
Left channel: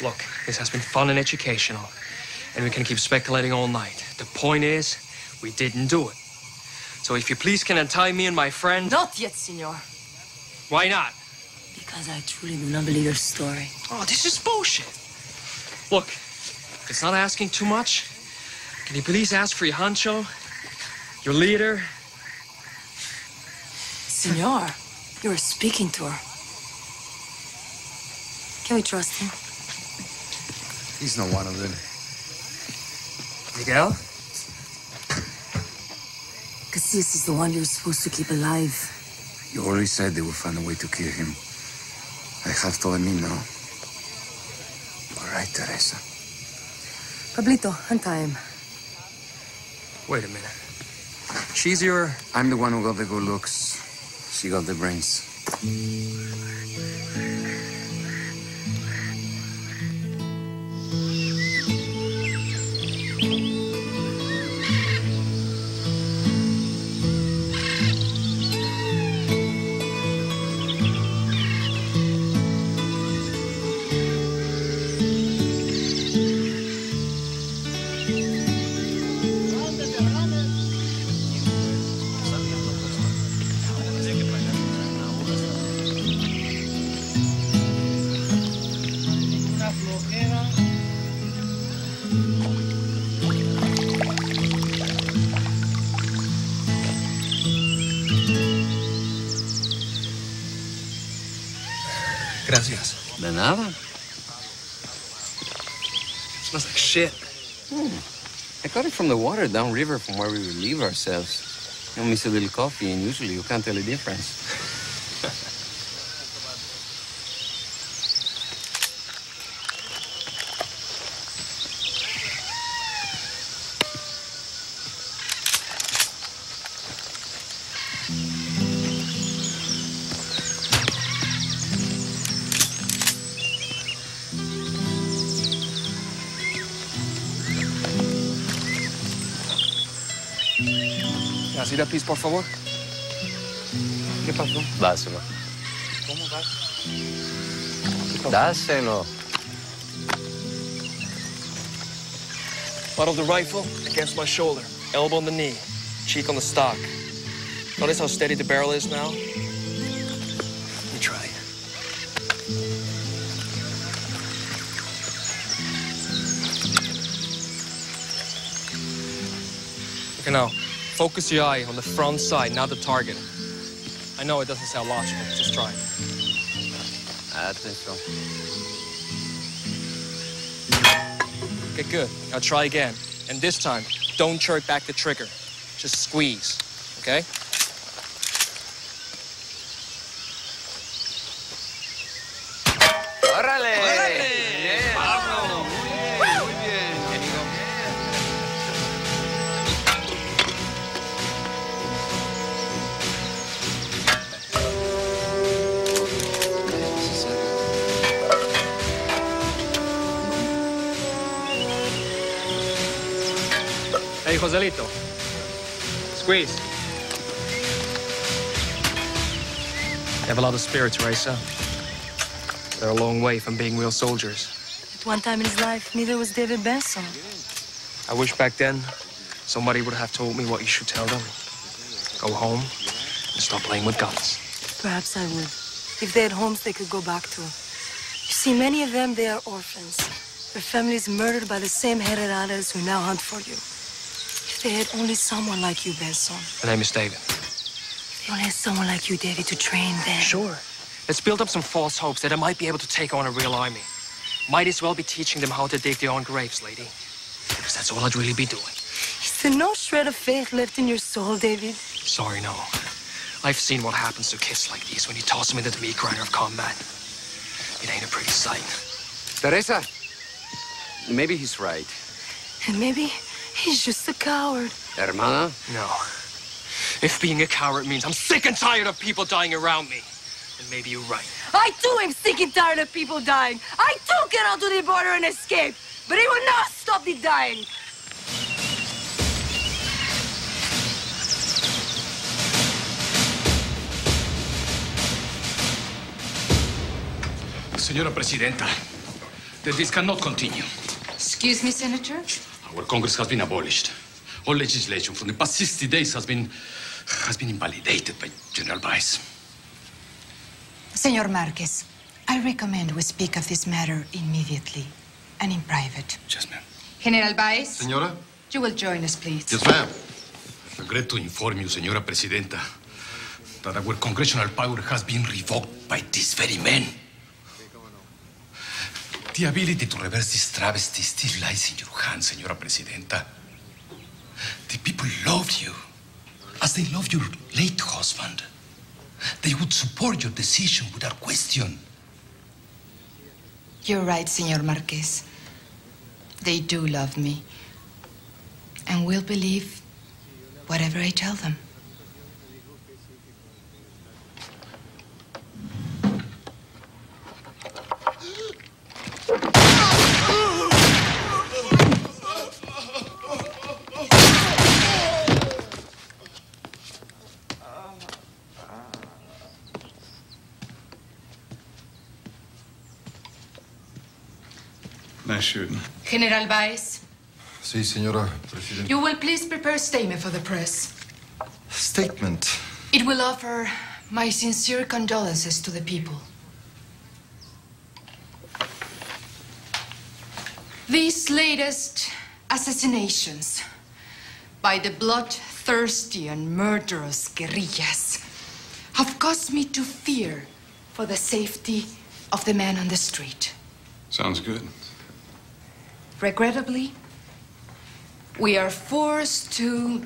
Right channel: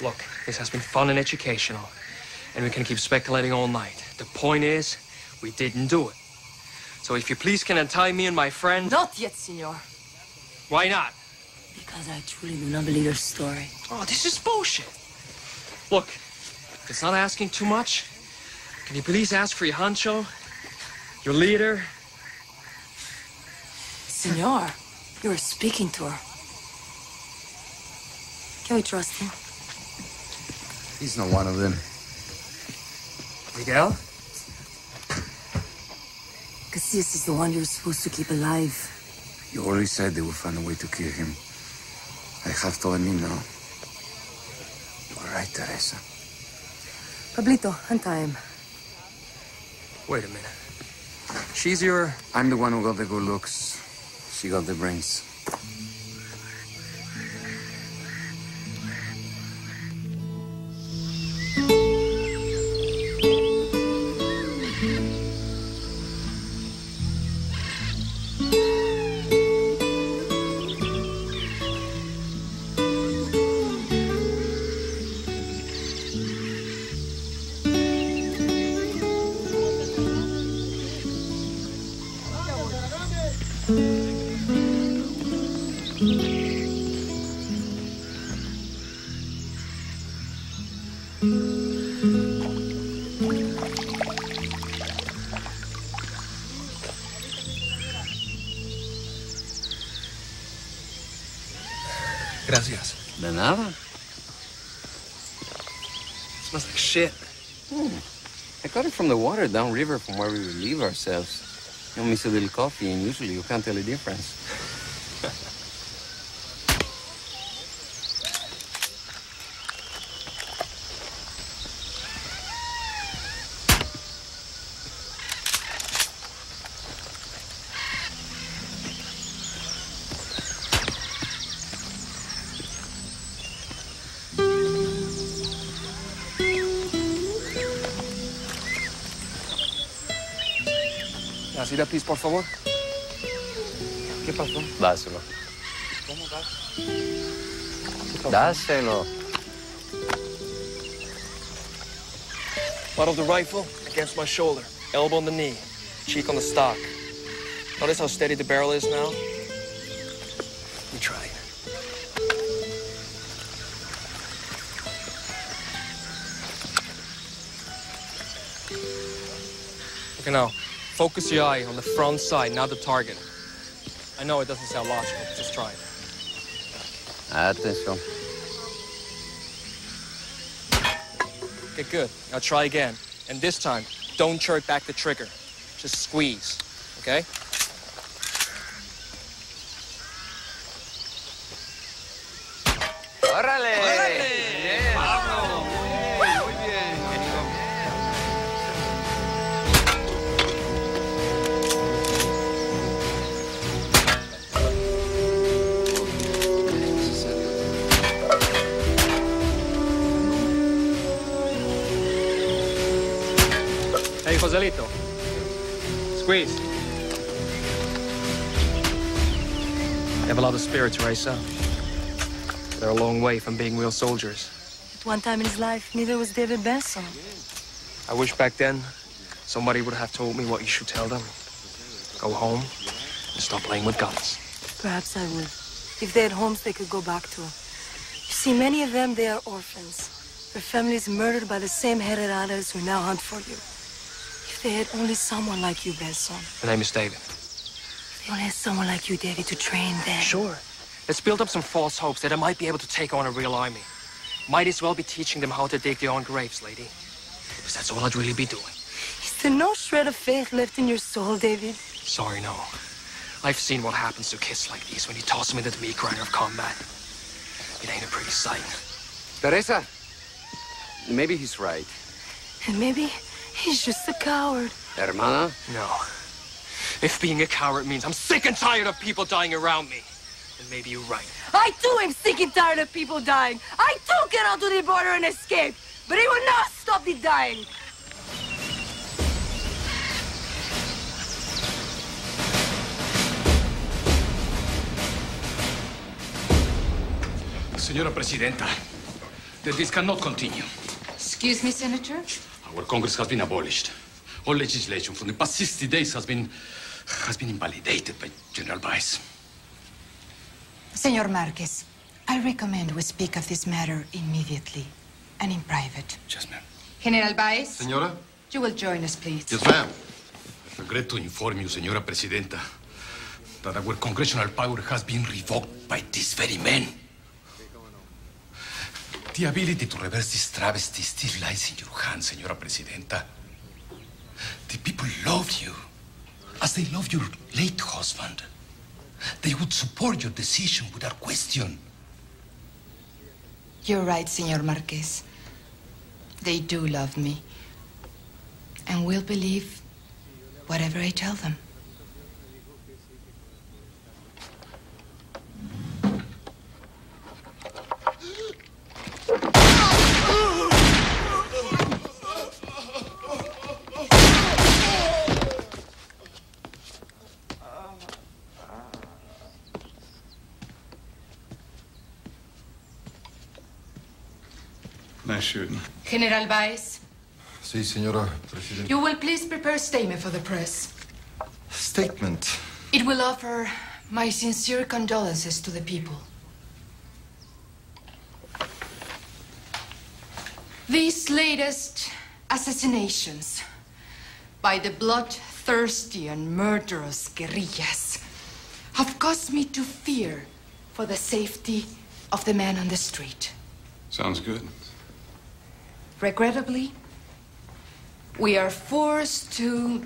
Look, this has been fun and educational, and we can keep speculating all night. The point is, we didn't do it. So if you please can untie me and my friend... Not yet, senor. Why not? Because I truly do not believe your story. Oh, this is bullshit. Look, if it's not asking too much, can you please ask for your honcho, your leader? Senor, you are speaking to her. Can we trust him? He's not one of them. Miguel? Casillas is the one you're supposed to keep alive. You already said they will find a way to kill him. I have to let me know. You are right, Teresa. Pablito, untie him. Wait a minute. She's your... I'm the one who got the good looks. She got the brains. Gracias. De nada. Smells like shit. I got it from the water downriver from where we relieve ourselves. You know, miss a little coffee, and usually you can't tell the difference. Nacida, please, por favor. ¿Qué pasó? Dáselo. ¿Cómo va? Dáselo. Butt of the rifle against my shoulder, elbow on the knee, cheek on the stock. Notice how steady the barrel is now? Let me try. Okay, now, focus your eye on the front side, not the target. I know it doesn't sound logical, but just try it. Atención. Okay, good. Now try again. And this time, don't jerk back the trigger. Just squeeze, okay? ¡Órale! ¡Órale! ¡Bravo! Muy bien, muy bien. Hey, Joselito. Squeeze. You have a lot of spirit, Teresa. They're a long way from being real soldiers. At one time in his life, neither was David Benson. I wish back then somebody would have told me what you should tell them. Go home and stop playing with guns. Perhaps I would. If they had homes they could go back to. You see, many of them, they are orphans. Their families murdered by the same Hereradas who now hunt for you. If they had only someone like you, Benson. My name is David. If they only had someone like you, David, to train them. Sure. Let's build up some false hopes that I might be able to take on a real army. Might as well be teaching them how to dig their own graves, lady. Because that's all I'd really be doing. Is there no shred of faith left in your soul, David? Sorry, no. I've seen what happens to kids like these when you toss them into the meat grinder of combat. It ain't a pretty sight. Teresa, maybe he's right. And maybe he's just a coward. Hermana? No. If being a coward means I'm sick and tired of people dying around me, then maybe you're right. I too am sick and tired of people dying. I too get out to the border and escape. But it will not stop me dying. Señora Presidenta, this cannot continue. Excuse me, Senator? Our Congress has been abolished. All legislation from the past 60 days has been invalidated by General Vice. Senor Marquez, I recommend we speak of this matter immediately and in private. Yes, ma'am. General Vice? Senora? You will join us, please. Yes, ma'am. I regret to inform you, Señora Presidenta, that our congressional power has been revoked by these very men. The ability to reverse this travesty still lies in your hands, Señora Presidenta. The people love you, as they love your late husband. They would support your decision without question. You're right, Senor Marquez. They do love me. And will believe whatever I tell them. Nice shooting. General Vice, Sí, señora Presidenta. you will please prepare a statement for the press. Statement. It will offer my sincere condolences to the people. These latest assassinations by the bloodthirsty and murderous guerrillas have caused me to fear for the safety of the man on the street. Sounds good. Regrettably, we are forced to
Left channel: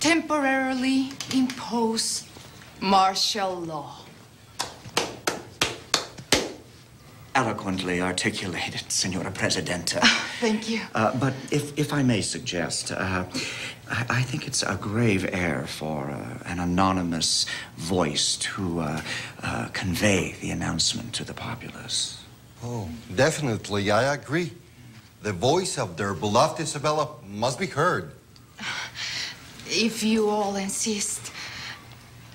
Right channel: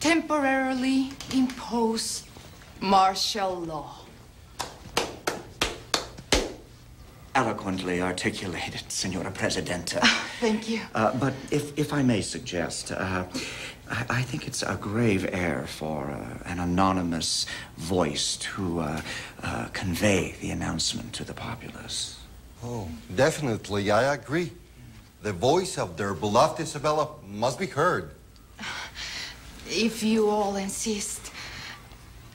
temporarily impose martial law. Eloquently articulated, Senora Presidenta. Thank you. But if I may suggest, I think it's a grave error for an anonymous voice to convey the announcement to the populace. Oh, definitely, I agree. The voice of their beloved Isabella must be heard. If you all insist,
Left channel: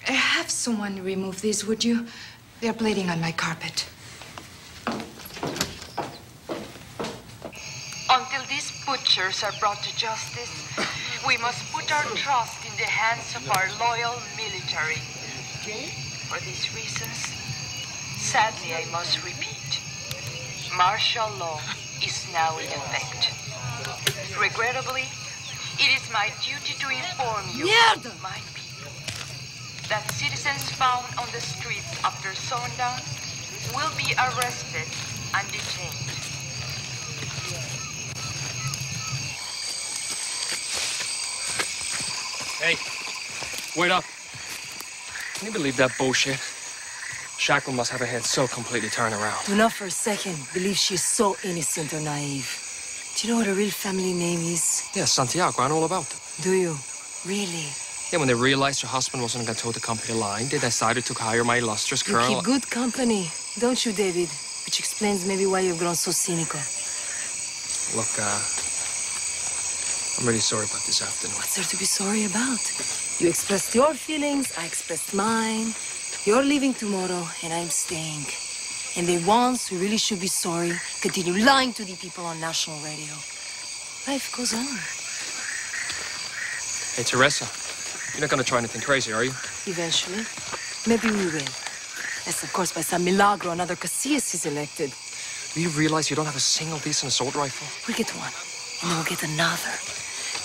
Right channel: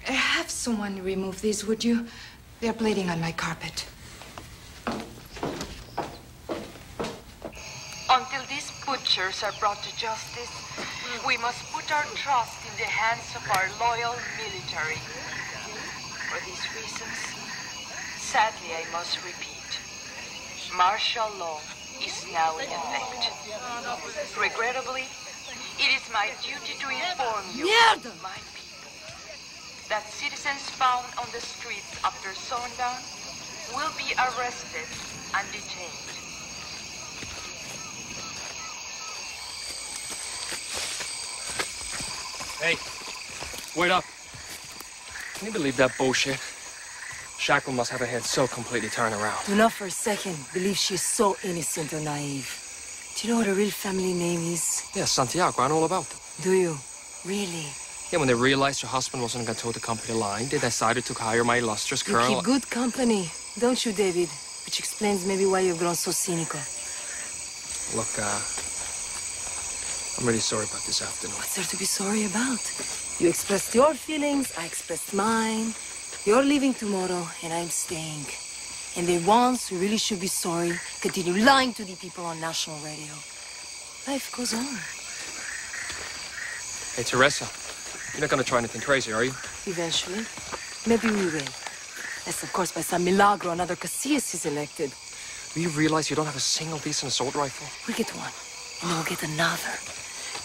have someone remove these, would you? They are bleeding on my carpet. Until these butchers are brought to justice, we must put our trust in the hands of our loyal military. For these reasons, sadly I must repeat, martial law is now in effect. Regrettably, it is my duty to inform you, my people, that citizens found on the streets after sundown will be arrested and detained. Hey, wait up. Can you believe that bullshit? Shackle must have her head so completely turned around. Do not for a second believe she's so innocent or naive. Do you know what her real family name is? Yeah, Santiago, I know all about them. Do you? Really? Yeah, when they realized her husband wasn't going to toe the company line, they decided to hire my illustrious You colonel. keep good company, don't you, David? Which explains maybe why you've grown so cynical. Look, I'm really sorry about this afternoon. What's there to be sorry about? You expressed your feelings, I expressed mine. You're leaving tomorrow, and I'm staying. And the ones who really should be sorry continue lying to the people on national radio. Life goes on. Hey, Teresa, you're not going to try anything crazy, are you? Eventually. Maybe we will. Unless, of course, by some milagro, another Casillas is elected. Do you realize you don't have a single decent assault rifle? We'll get one, and then we'll get another.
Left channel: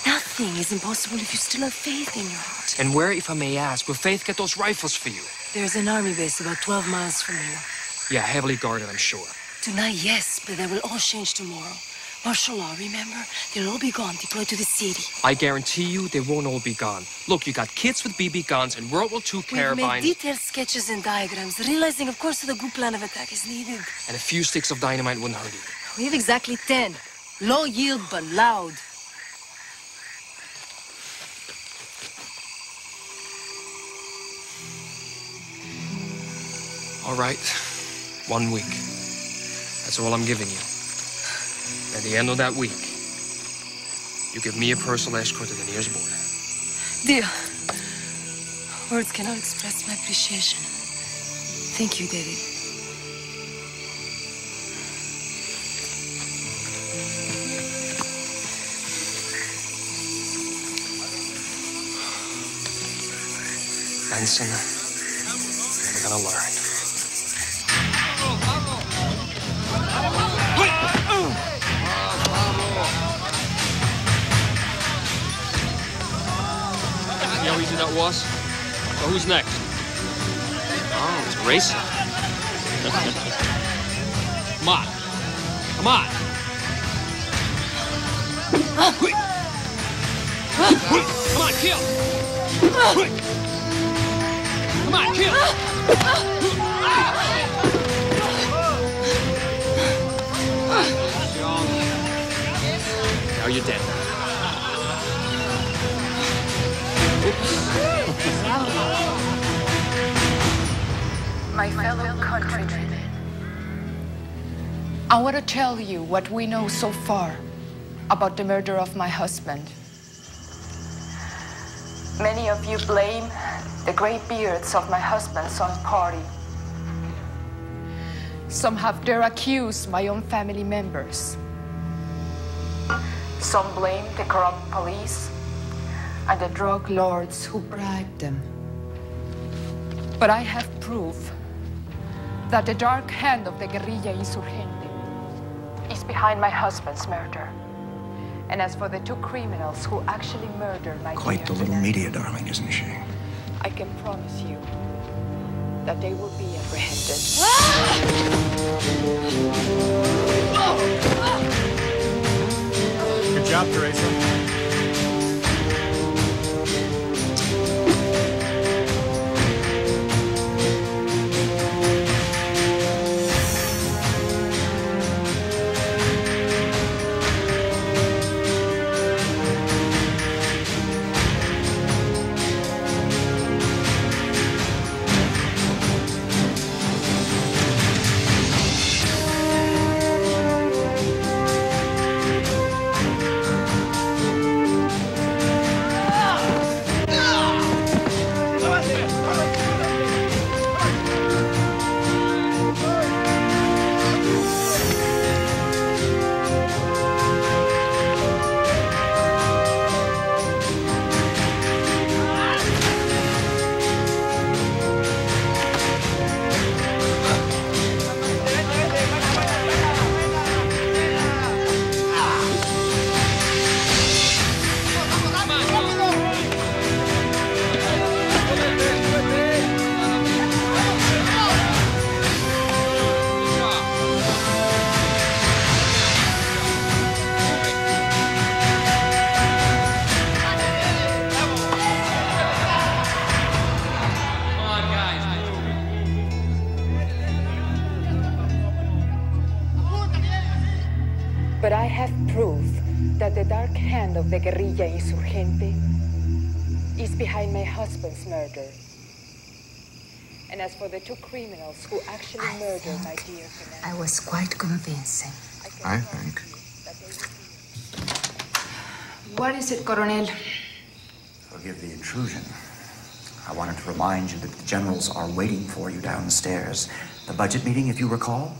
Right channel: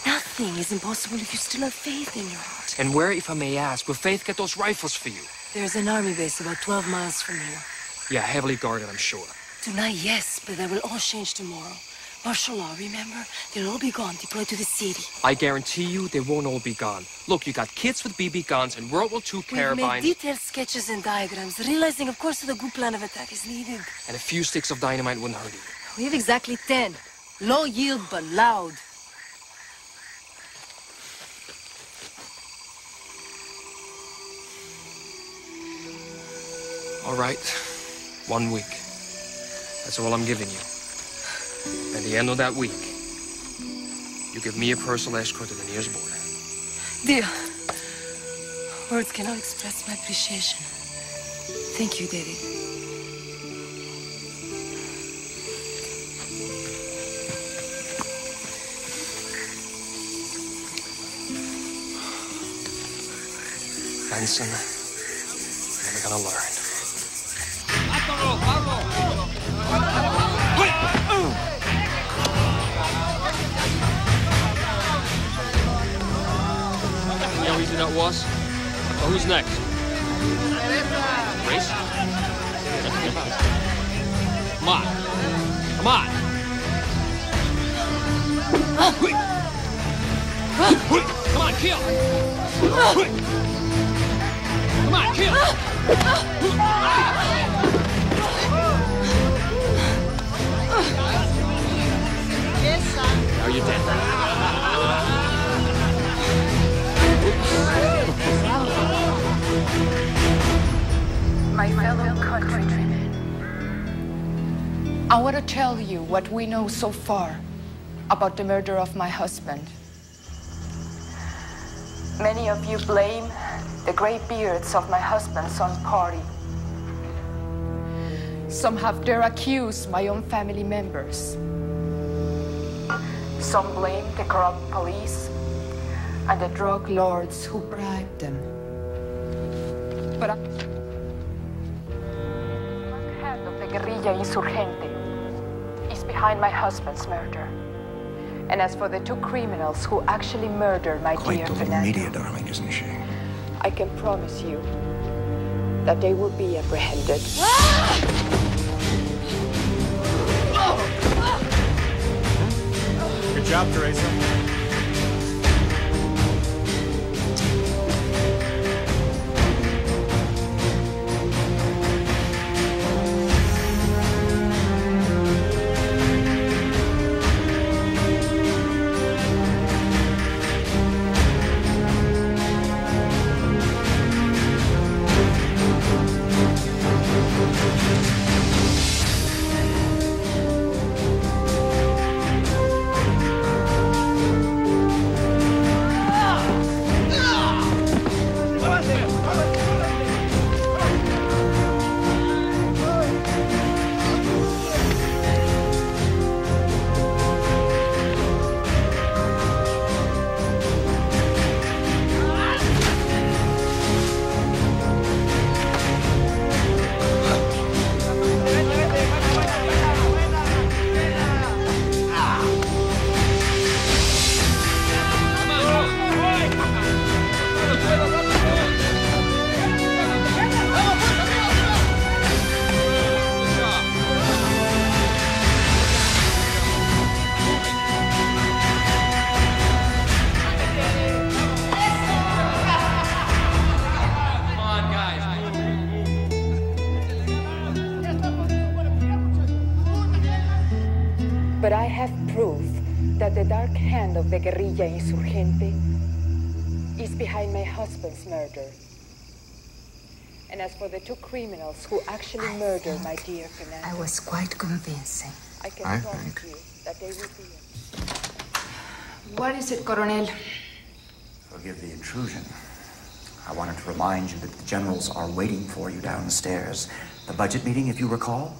Nothing is impossible if you still have faith in your heart. And where, if I may ask, will Faith get those rifles for you? There's an army base about 12 miles from here. Yeah, heavily guarded, I'm sure. Tonight, yes, but that will all change tomorrow. Martial law, remember? They'll all be gone, deployed to the city. I guarantee you they won't all be gone. Look, you got kids with BB guns and World War II We'll carbine. make detailed sketches and diagrams, realizing, of course, that a good plan of attack is needed. And a few sticks of dynamite wouldn't hurt either. We have exactly 10. Low yield, but loud. All right. 1 week. That's all I'm giving you. At the end of that week, you give me a personal escort to the nearest border. Dear, words cannot express my appreciation. Thank you, David. Benson, never gonna learn. You know how easy that was? So who's next? Oh, it's racing. Come on. Come on. Come on, kill. Come on, kill. Now you're dead. My fellow countrymen, I want to tell you what we know so far about the murder of my husband. Many of you blame the gray beards of my husband's own party. Some have dare accuse my own family members. Some blame the corrupt police and the drug lords who bribed them. But I have proof that the dark hand of the guerrilla insurgente is behind my husband's murder. And as for the two criminals who actually murdered my Quite dear the little Fernando, media darling, isn't she? I can promise you that they will be apprehended. Good job, Teresa. But I have proof that the dark hand of the guerrilla insurgente is behind my husband's murder. And as for the two criminals who actually murdered my dear Fernando, I was quite convincing. I think. That they will be... What is it, Coronel? Forgive the intrusion. I wanted to remind you that the generals are waiting for you downstairs. The budget meeting, if you recall?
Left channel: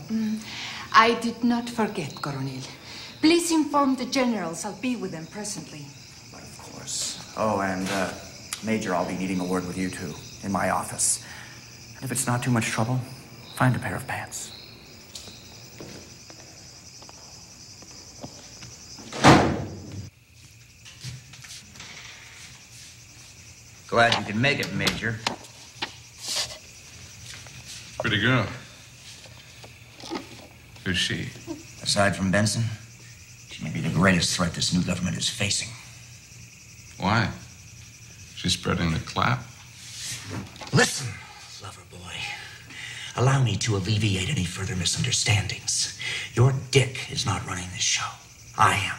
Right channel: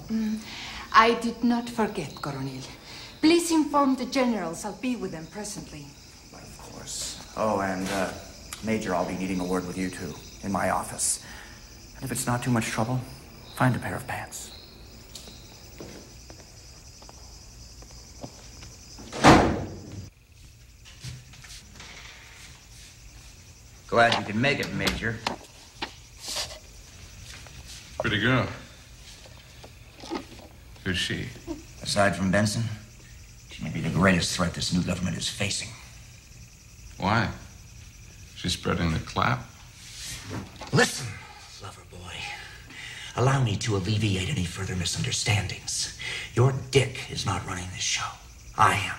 I did not forget, Coronel. Please inform the generals. I'll be with them presently. But of course. Oh, and, Major, I'll be needing a word with you, too, in my office. And if it's not too much trouble, find a pair of pants. Glad you can make it, Major. Pretty girl. Who's she? Aside from Benson, she may be the greatest threat this new government is facing. Why? She's spreading the clap. Listen, lover boy. Allow me to alleviate any further misunderstandings. Your dick is not running this show. I am.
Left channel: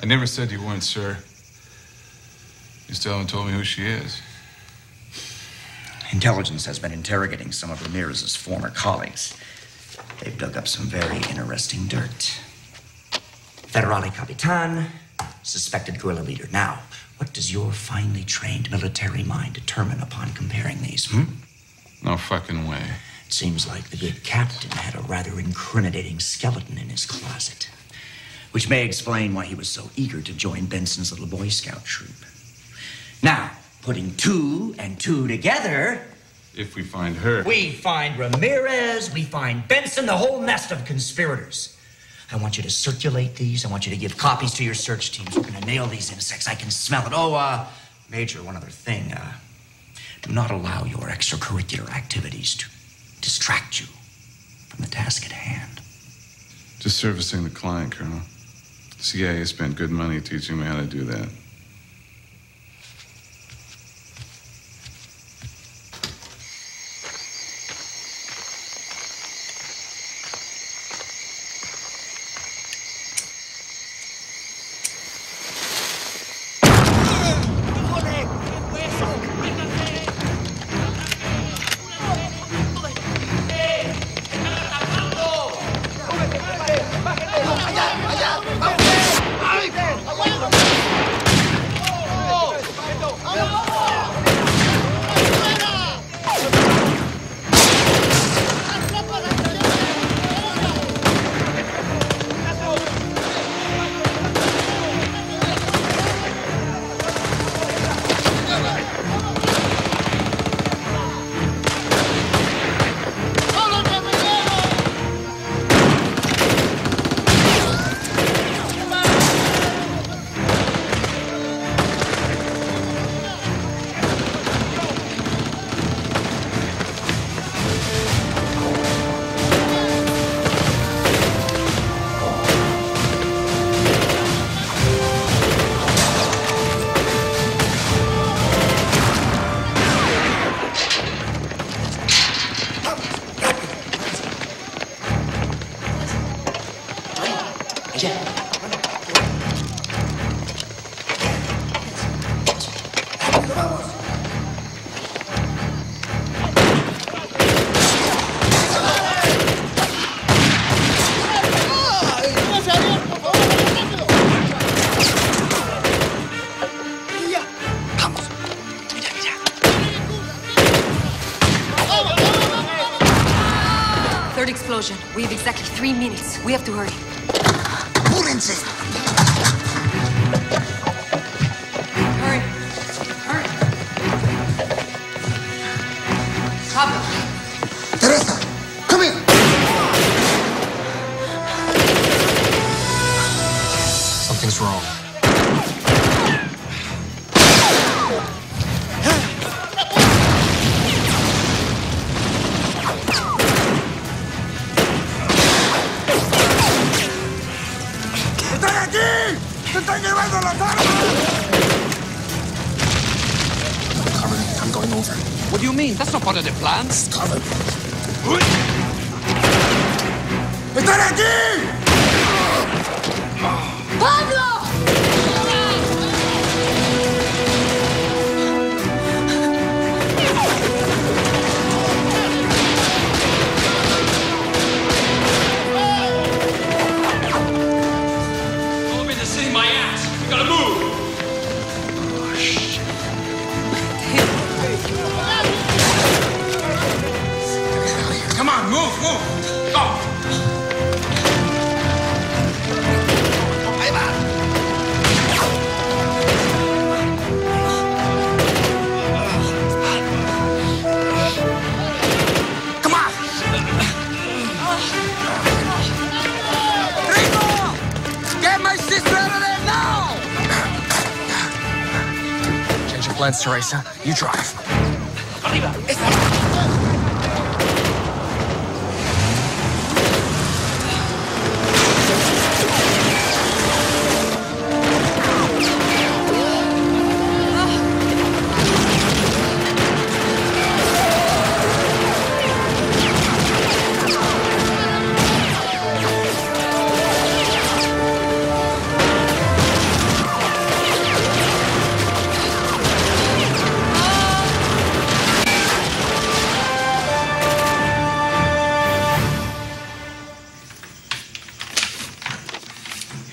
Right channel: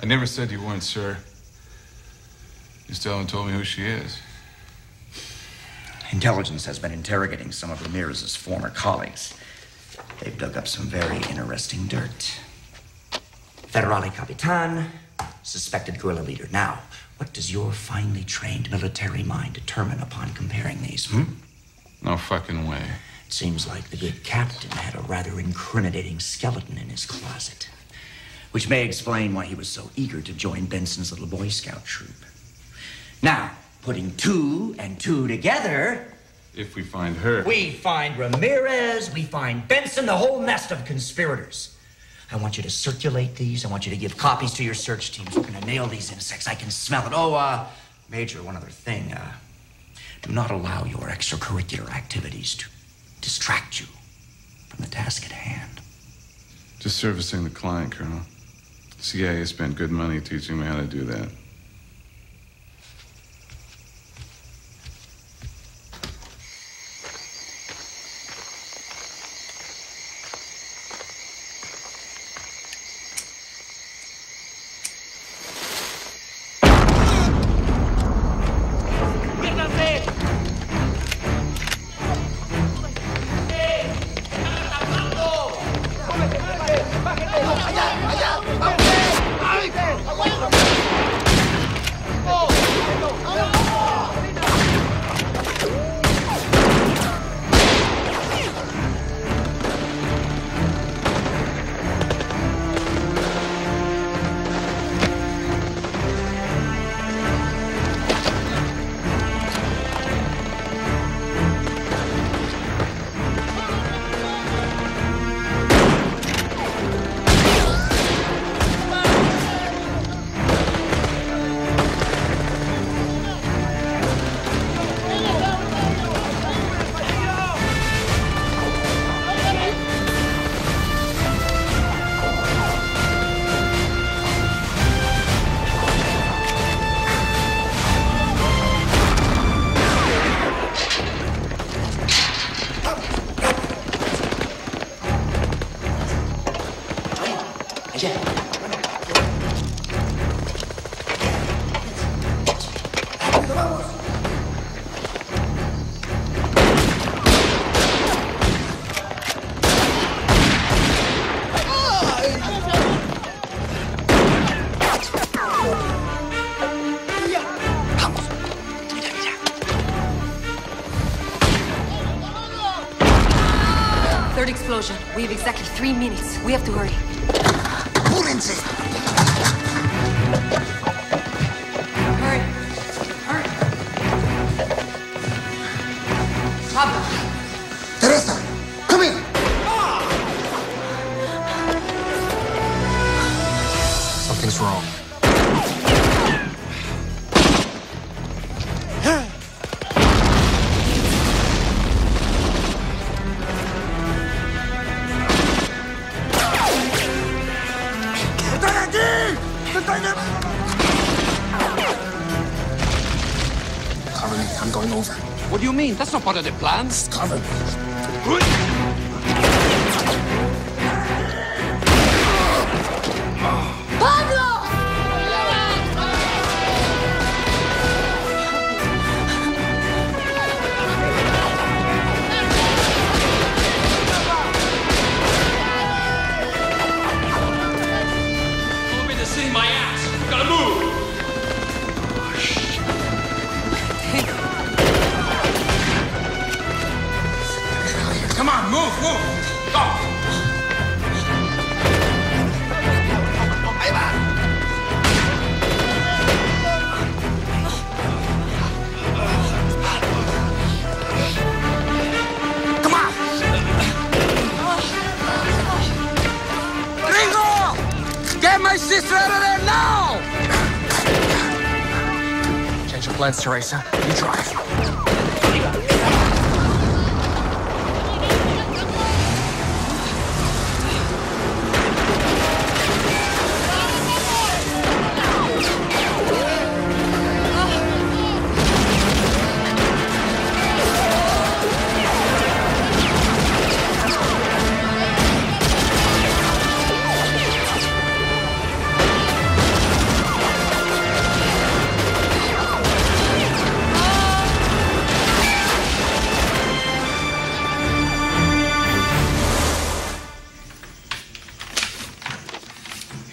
I never said you weren't, sir. You still haven't told me who she is. Intelligence has been interrogating some of Ramirez's former colleagues. They've dug up some very interesting dirt. Federale Capitan, suspected guerrilla leader. Now, what does your finely trained military mind determine upon comparing these, No fucking way. It seems like the good captain had a rather incriminating skeleton in his closet. Which may explain why he was so eager to join Benson's little Boy Scout troop. Now, putting 2 and 2 together... If we find her... We find Ramirez, we find Benson, the whole nest of conspirators. I want you to circulate these. I want you to give copies to your search teams. We're going to nail these insects. I can smell it. Oh, Major, one other thing. Do not allow your extracurricular activities to distract you from the task at hand. Just servicing the client, Colonel. The CIA spent good money teaching me how to do that. Explosion. We have exactly 3 minutes. We have to hurry. Apúrense! Hurry. Hurry. Pablo. Teresa, come here. Something's wrong. I'm going over. What do you mean? That's not part of the plan. Cover. ¡Están aquí! Pablo! Don't be just sitting my ass. We gotta move. Oh, shit. Come on, move, move. Go. Come on! Gringo! Get my sister out of there now! Change your plans, Teresa. You drive.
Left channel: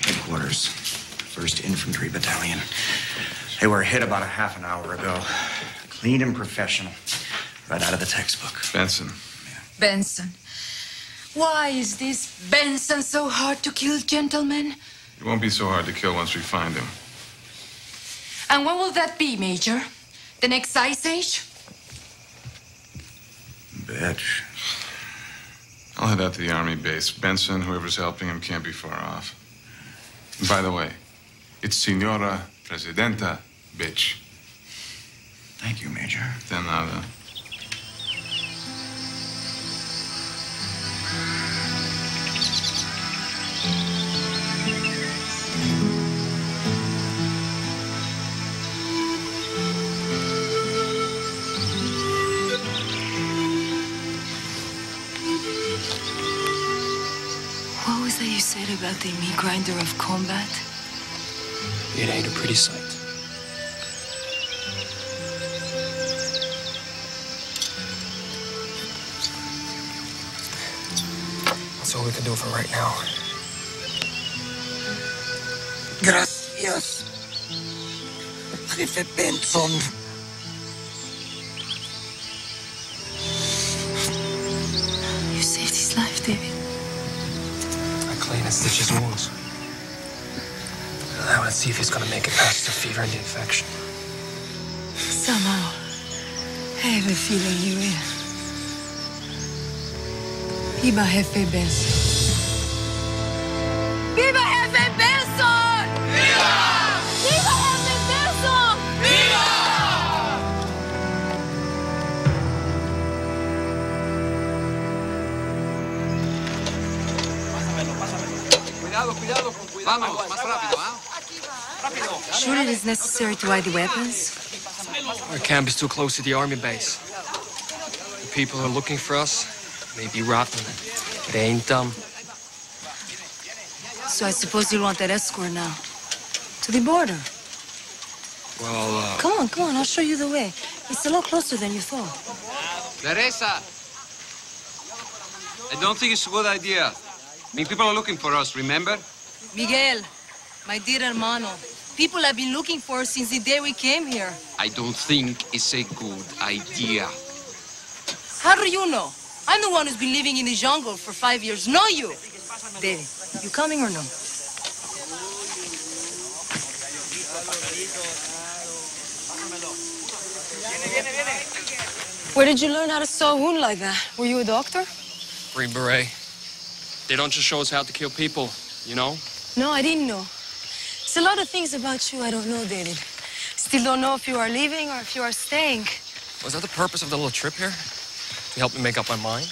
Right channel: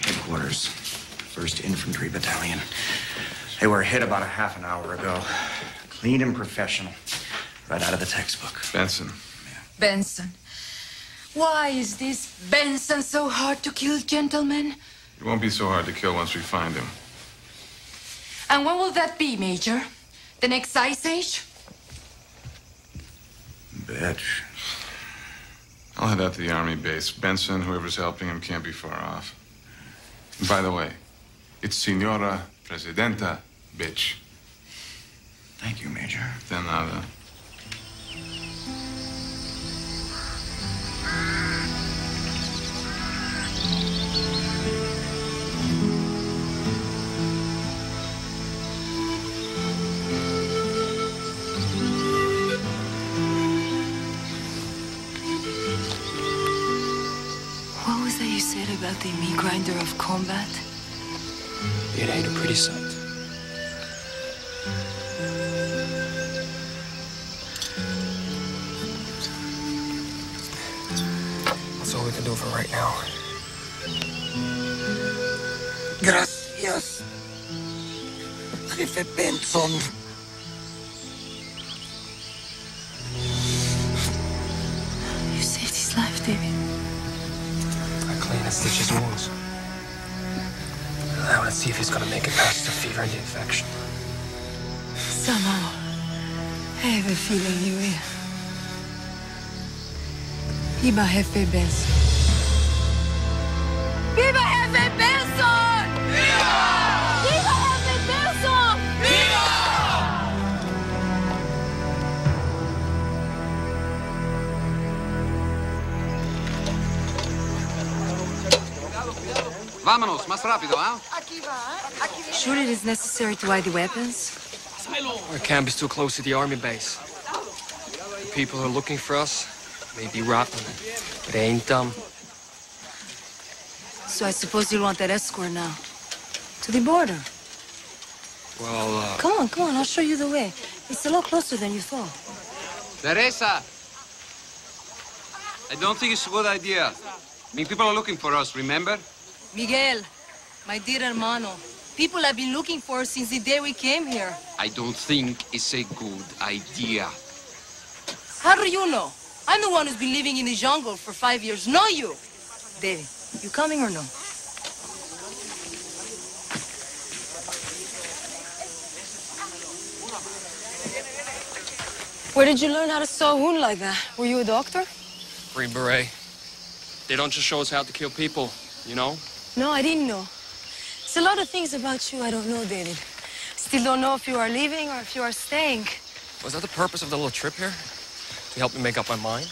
Headquarters, 1st Infantry Battalion. They were hit about a half an hour ago. Clean and professional. Right out of the textbook. Benson. Benson. Why is this Benson so hard to kill, gentlemen? It won't be so hard to kill once we find him. And when will that be, Major? The next Ice Age? Bitch. I'll head out to the army base. Benson, whoever's helping him, can't be far off. And by the way, it's Senora Presidenta, bitch. Thank you, Major. De nada. What was that you said about the meat grinder of combat? It ain't a pretty sight. That's all we can do for right now. Gracias. Jefe Benson. You saved his life, David. I clean and stitch his wounds. I want to see if he's gonna make it past the fever and the infection. Somehow, I have a feeling you will. Viva Jefe Benson. Viva Jefe Benson! Viva! Viva Jefe Benson! Viva! Vámonos, más rápido, ¿ah? Sure it is necessary to hide the weapons? Our camp is too close to the army base. The people who are looking for us may be rotten, but they ain't dumb. So I suppose you want that escort now. To the border. Well, Come on, I'll show you the way. It's a lot closer than you thought. Teresa! I don't think it's a good idea. I mean, people are looking for us, remember? Miguel, my dear hermano, people have been looking for us since the day we came here. I don't think it's a good idea. How do you know? I'm the one who's been living in the jungle for 5 years, not you. David, you coming or no? Where did you learn how to sew a wound like that? Were you a doctor? Green Beret. They don't just show us how to kill people, you know? No, I didn't know. There's a lot of things about you I don't know, David. Still don't know if you are leaving or if you are staying. Was that the purpose of the little trip here? To help me make up my mind?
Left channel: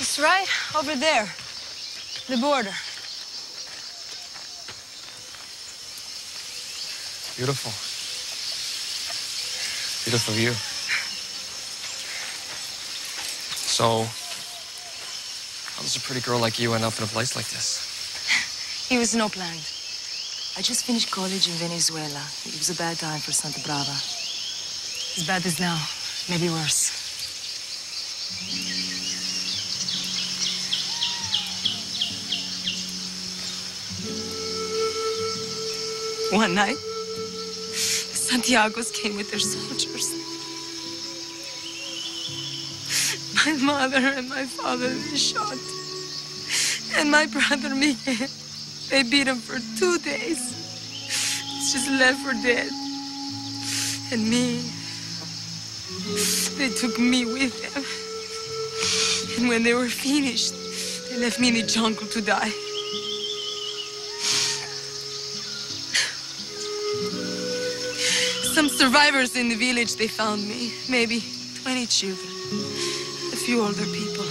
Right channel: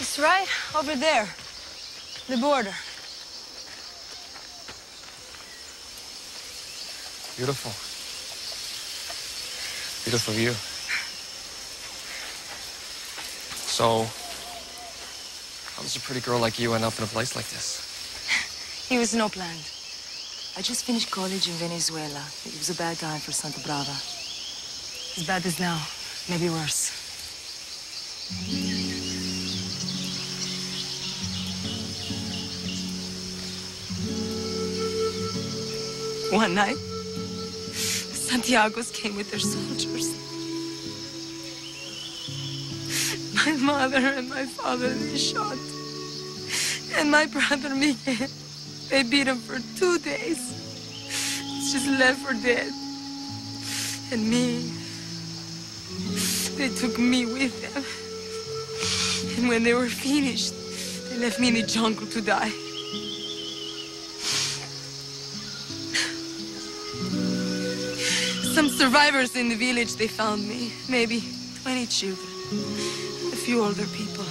It's right over there. The border. Beautiful. Beautiful view. So, how does a pretty girl like you end up in a place like this? It was no planned. I just finished college in Venezuela. It was a bad time for Santa Brava. As bad as now, maybe worse. One night, the Santiagos came with their soldiers. My mother and my father, they shot. And my brother, Miguel, they beat him for 2 days. He's just left for dead. And me, they took me with them. And when they were finished, they left me in the jungle to die. Some survivors in the village, they found me. Maybe 20 children. A few older people.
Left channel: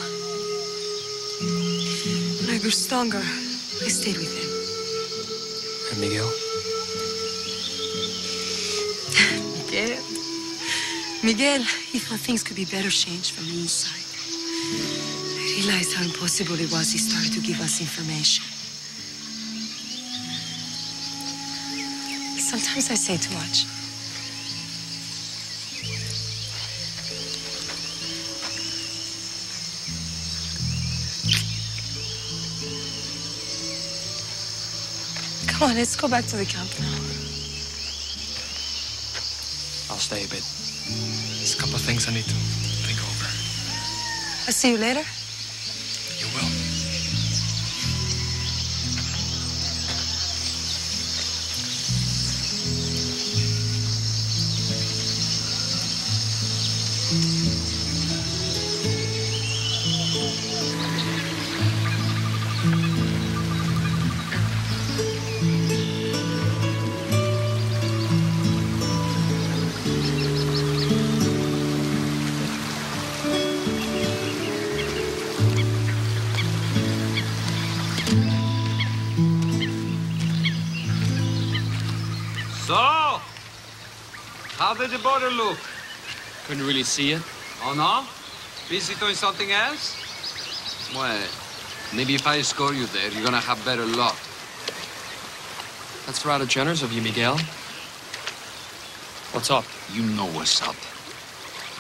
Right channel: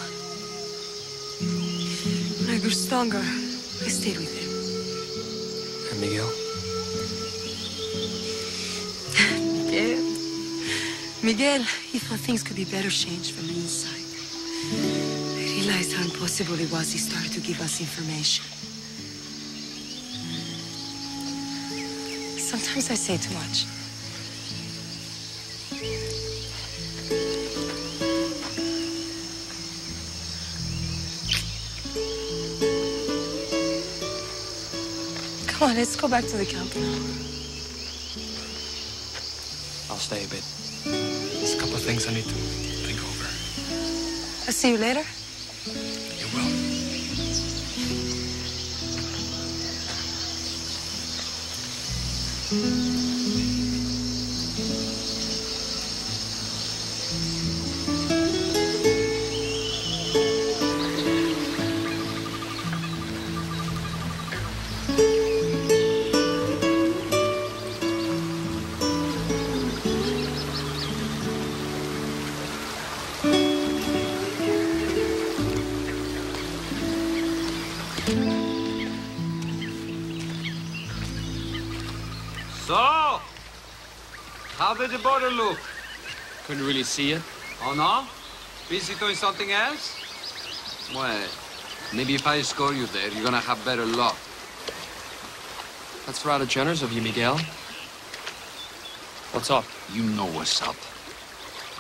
When I grew stronger, I stayed with him. And Miguel? Miguel, he thought things could be better changed from the inside. I realized how impossible it was. He started to give us information. Sometimes I say too much. Come on, let's go back to the camp now. I'll stay a bit. There's a couple of things I need to think over. I'll see you later. You will. So, how did the border look? Couldn't really see it. Oh, no? Busy doing something else? Well, maybe if I escort you there, you're gonna have better luck. That's rather generous of you, Miguel. What's up? You know what's up.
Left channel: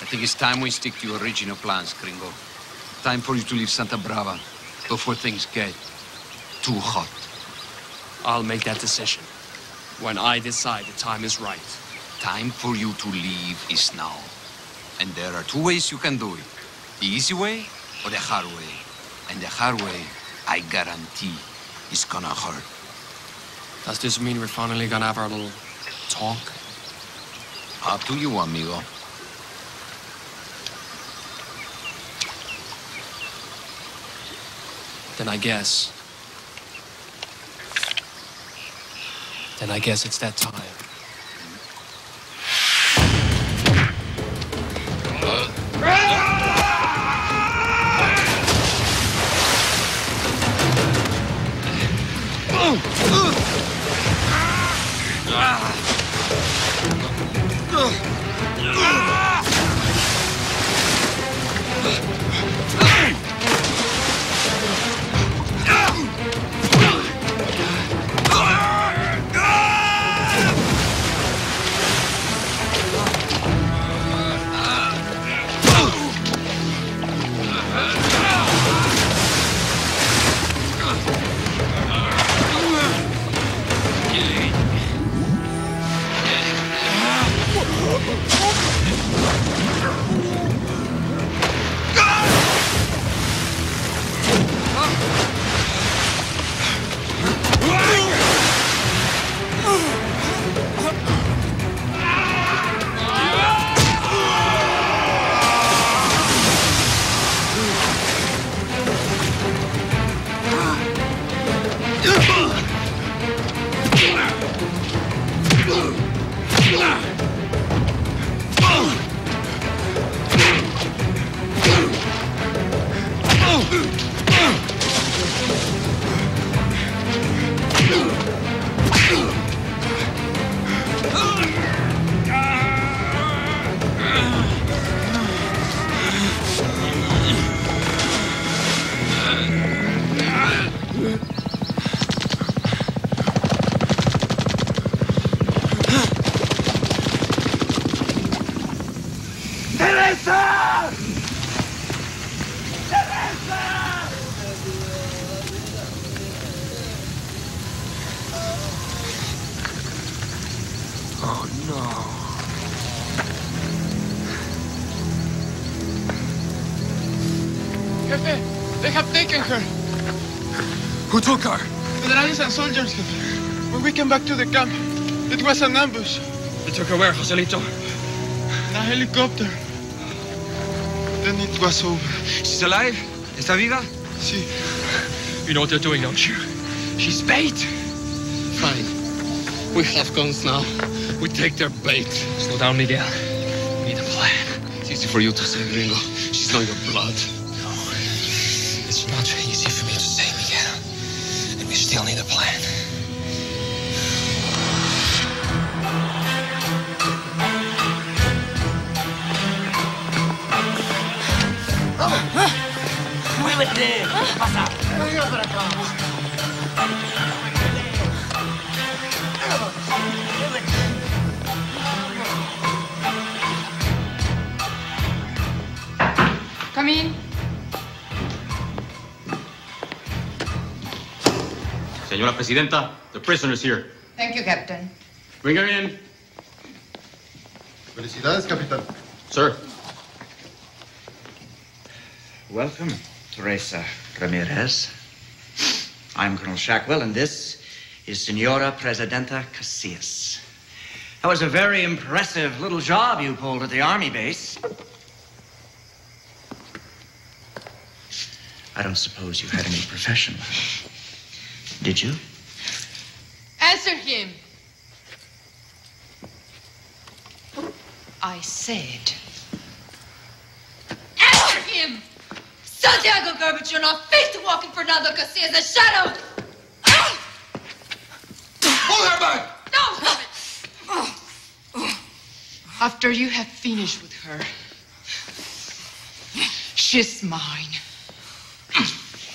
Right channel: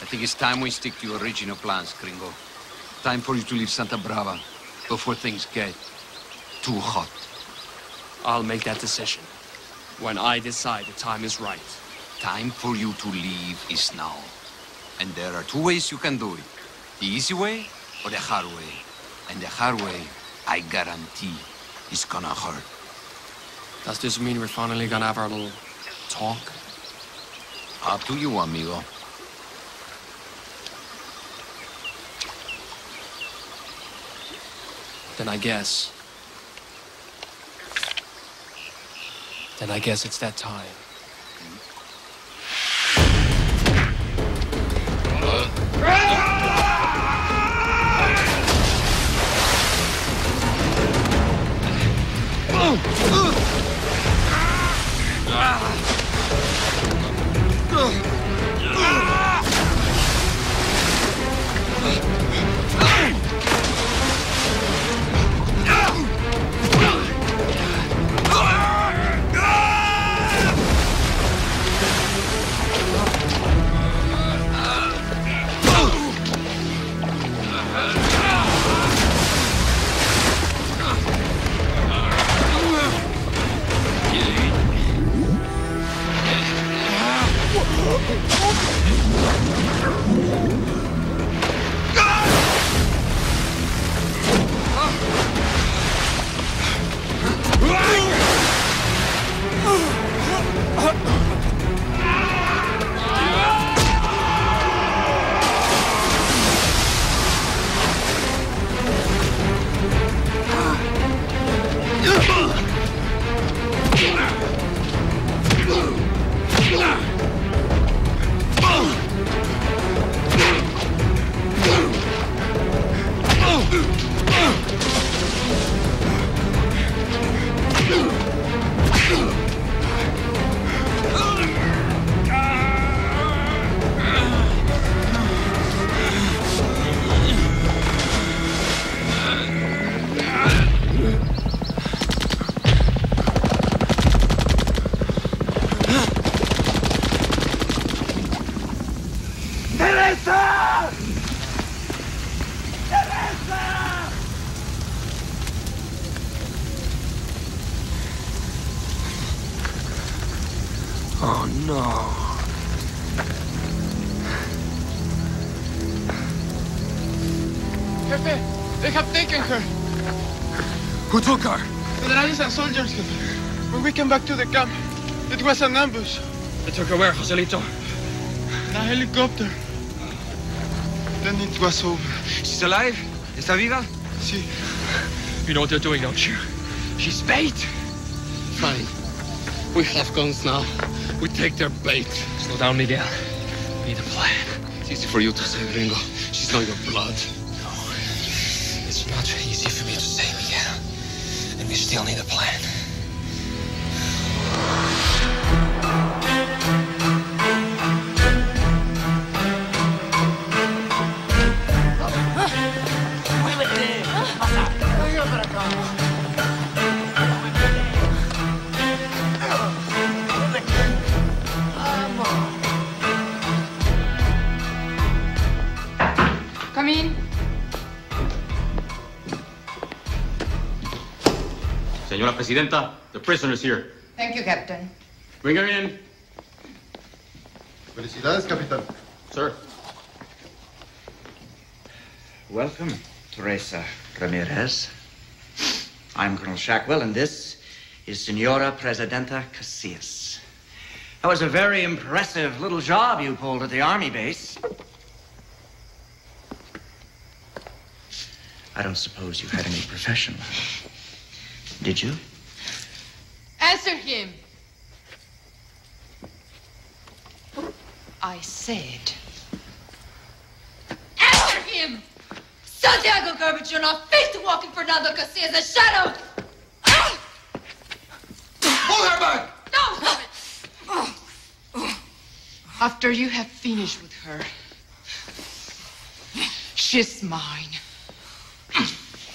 I think it's time we stick to your original plans, Gringo. Time for you to leave Santa Brava before things get too hot. I'll make that decision when I decide the time is right. Time for you to leave is now. And there are 2 ways you can do it. The easy way or the hard way. And the hard way, I guarantee, is gonna hurt. Does this mean we're finally gonna have our little talk? Up to you, amigo. Then I guess it's that time. Teresa! Teresa! Oh, no. Jefe, they have taken her. Who took her? Federales and soldiers, Jefe. When we came back to the camp, it was an ambush. They took her where, Joselito? In a helicopter. Then it was over. She's alive? Está viva? Sí. You know what they're doing, don't you? She's bait. Fine. We have guns now. We take their bait. Slow down, Miguel. We need a plan. It's easy for you to say, Gringo. She's not your blood. No. It's not easy for me to say, Miguel. And we still need a plan. ¡Muévete! ¿Qué pasa? ¡Venga para acá! Come in. Señora Presidenta, the prisoner's here. Thank you, Captain. Bring her in. Felicidades, Capitán. Sir. Welcome, Teresa Ramirez. I'm Colonel Shackwell, and this is Senora Presidenta Casillas. That was a very impressive little job you pulled at the Army base. I don't suppose you had any profession. Did you? Answer him. I said. Answer him! Santiago Garbage, you're not fit to walk in Fernando Casillas' shadow! Pull her back! No! After you have finished with her, she's mine.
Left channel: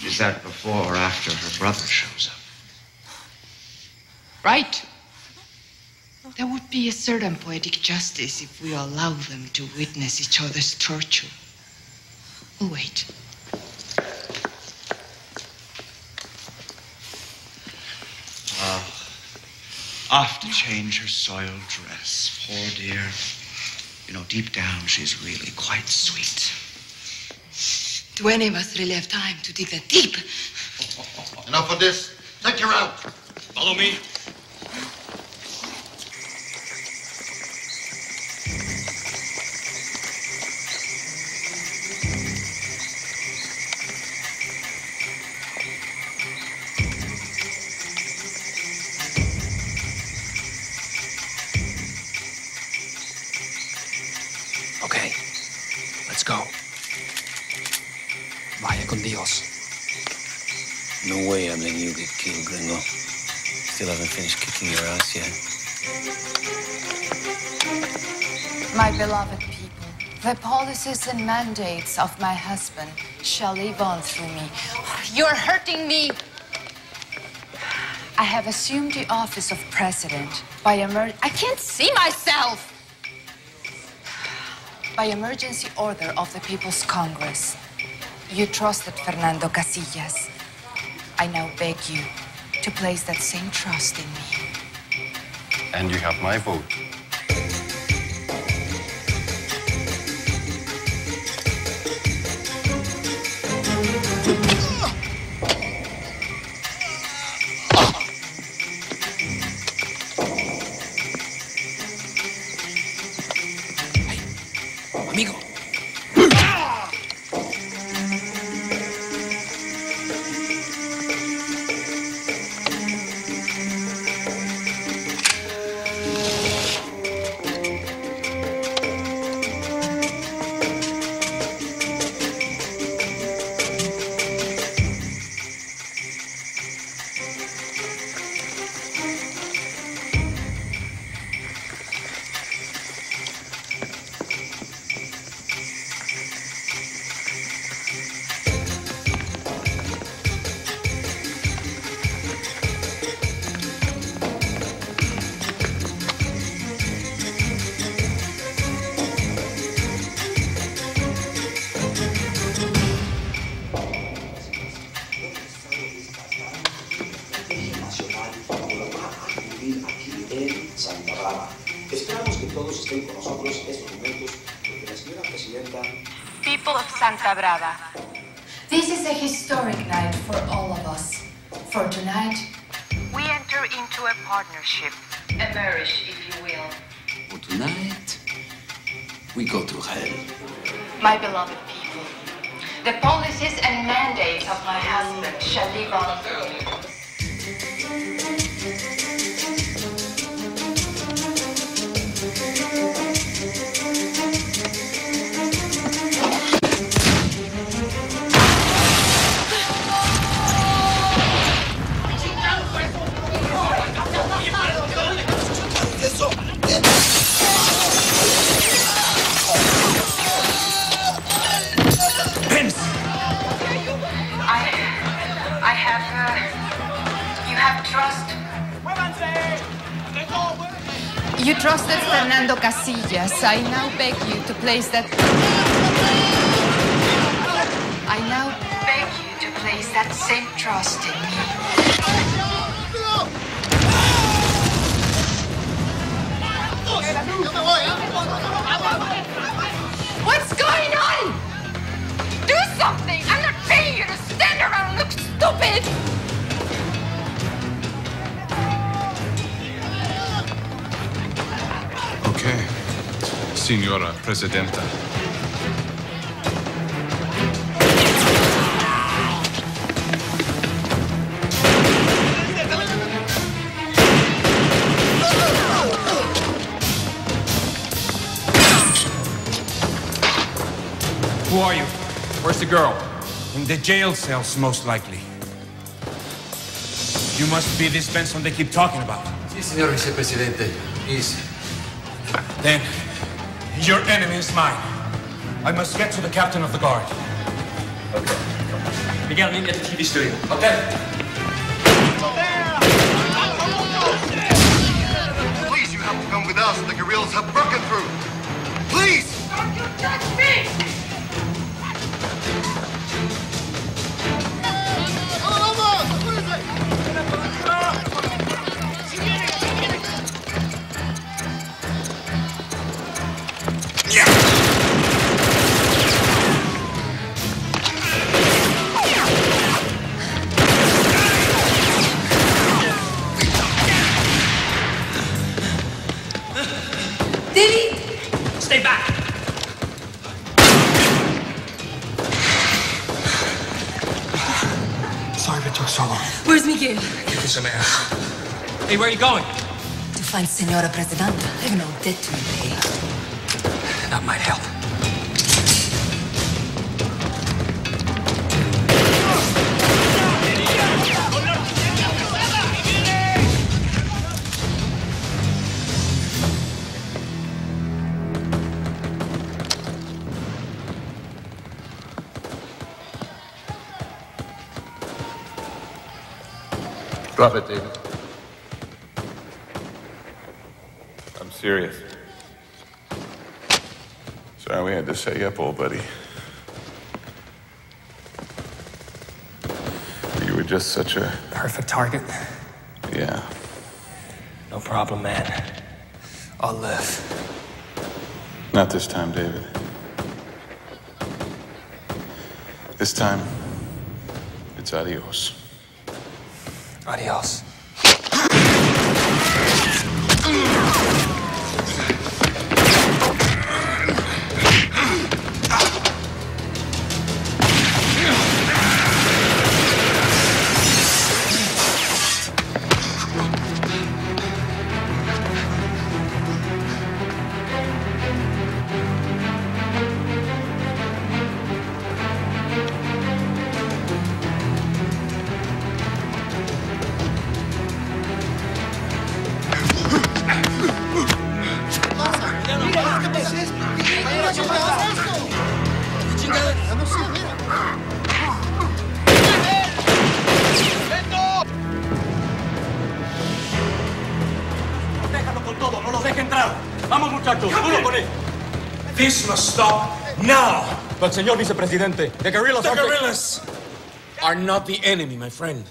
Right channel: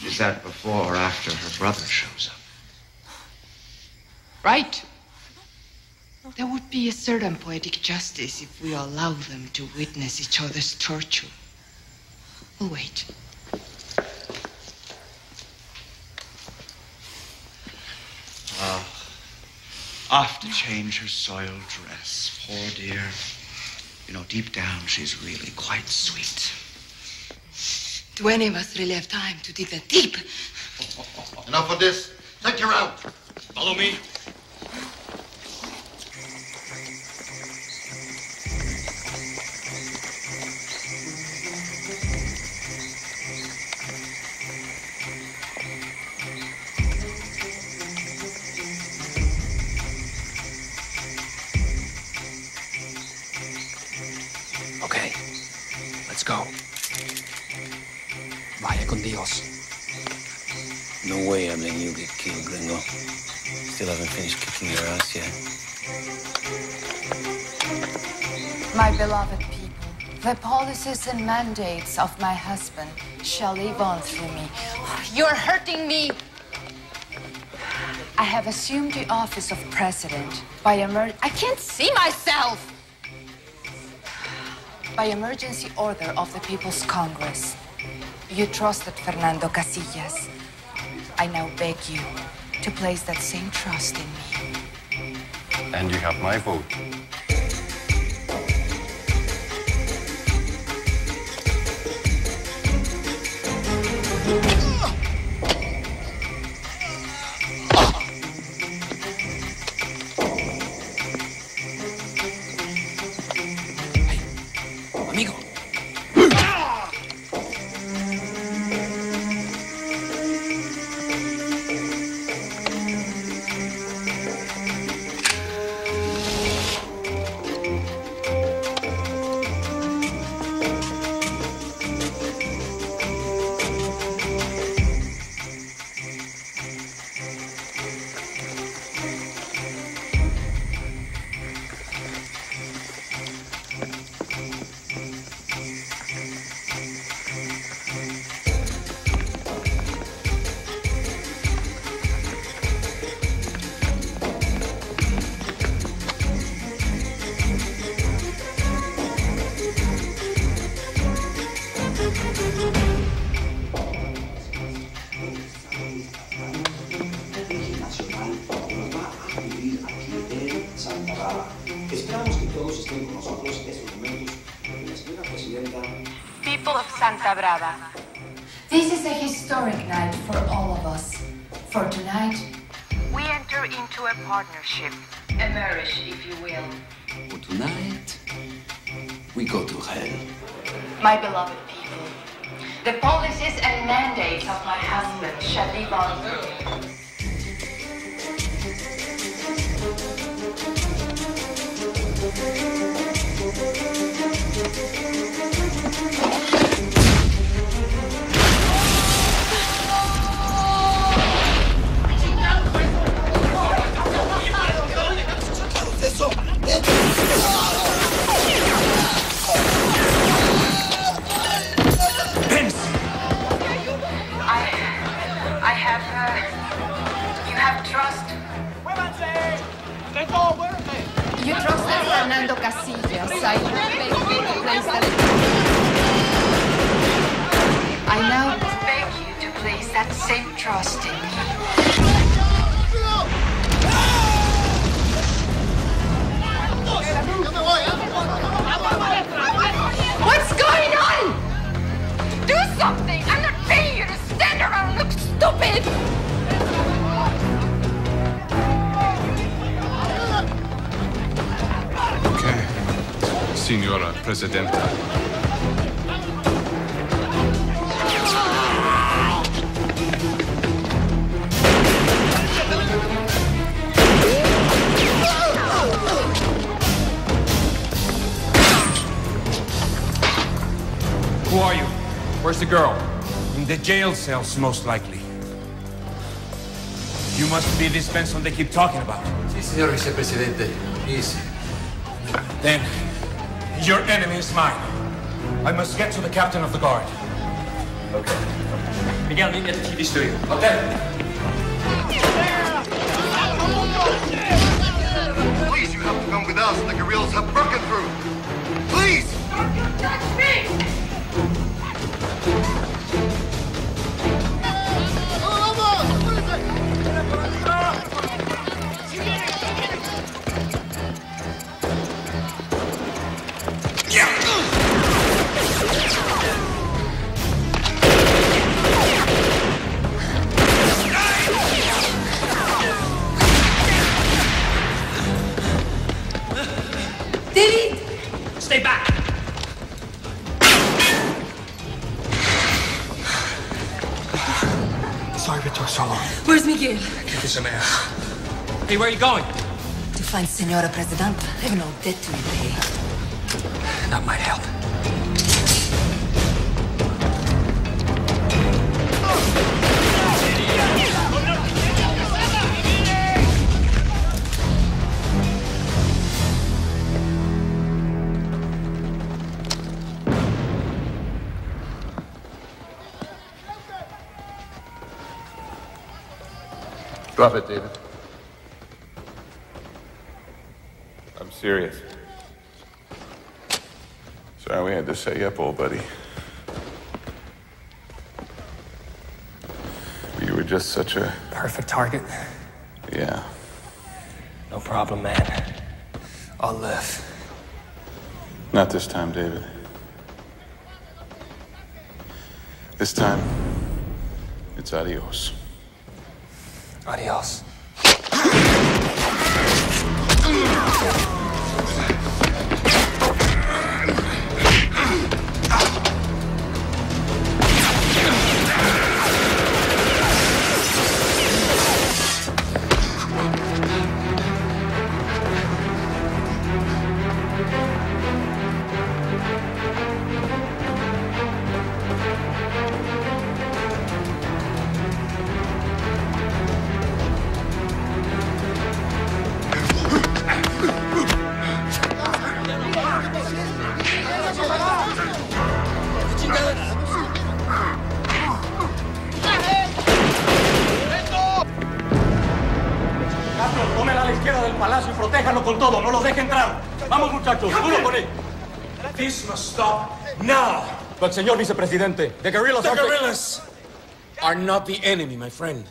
Is that before or after her brother shows up? Right? There would be a certain poetic justice if we allow them to witness each other's torture. We'll wait. Off to change her soiled dress. Poor dear. You know, deep down, she's really quite sweet. Do any of us really have time to dig that deep? Enough of this. Take her out. Follow me. Okay, let's go. Vaya con Dios. No way I'm letting you get killed, Gringo. Still haven't finished kicking your ass yet. My beloved people, the policies and mandates of my husband shall live on through me. You're hurting me. I have assumed the office of president by I can't see myself! By emergency order of the People's Congress. You trusted Fernando Casillas. I now beg you to place that same trust in me. And you have my vote. Amigo. Esperamos que todos estén con nosotros esos momentos porque la señora presidenta. People of Santa Brava. This is a historic night for all of us. For tonight, We enter into a partnership. a marriage, if you will. For tonight, we go to hell. My beloved people, the policies and mandates of my husband shall live on forever. You have trust. You trusted Fernando Casillas. I now beg you to place that... I now beg you to place that same trust in me. What's going on? Do something! I'm not paying you to stand around and look stupid! Okay, Signora Presidenta. Who are you? Where's the girl? In the jail cells, most likely. You must be this Benson they keep talking about. Sí, señor vicepresidente. He's... Then, your enemy is mine. I must get to the captain of the guard. Okay. Miguel, meet me at the TV studio. Okay. Please, you have to come with us. The guerrillas have broken through. Please! Don't you touch me! Did he? Stay back! Sorry if it took so long. Where's Miguel? Kick some ass. Hey, where are you going? To find Senora Presidenta. I have no debt to repay. That might help. Drop it, David. I'm serious. Sorry we had to set you up, old buddy. You were just such a... Perfect target. Yeah. No problem, man. I'll live. Not this time, David. This time, it's adios. Adios. This must stop now. But, señor vicepresidente, the guerrillas are not the enemy, my friend.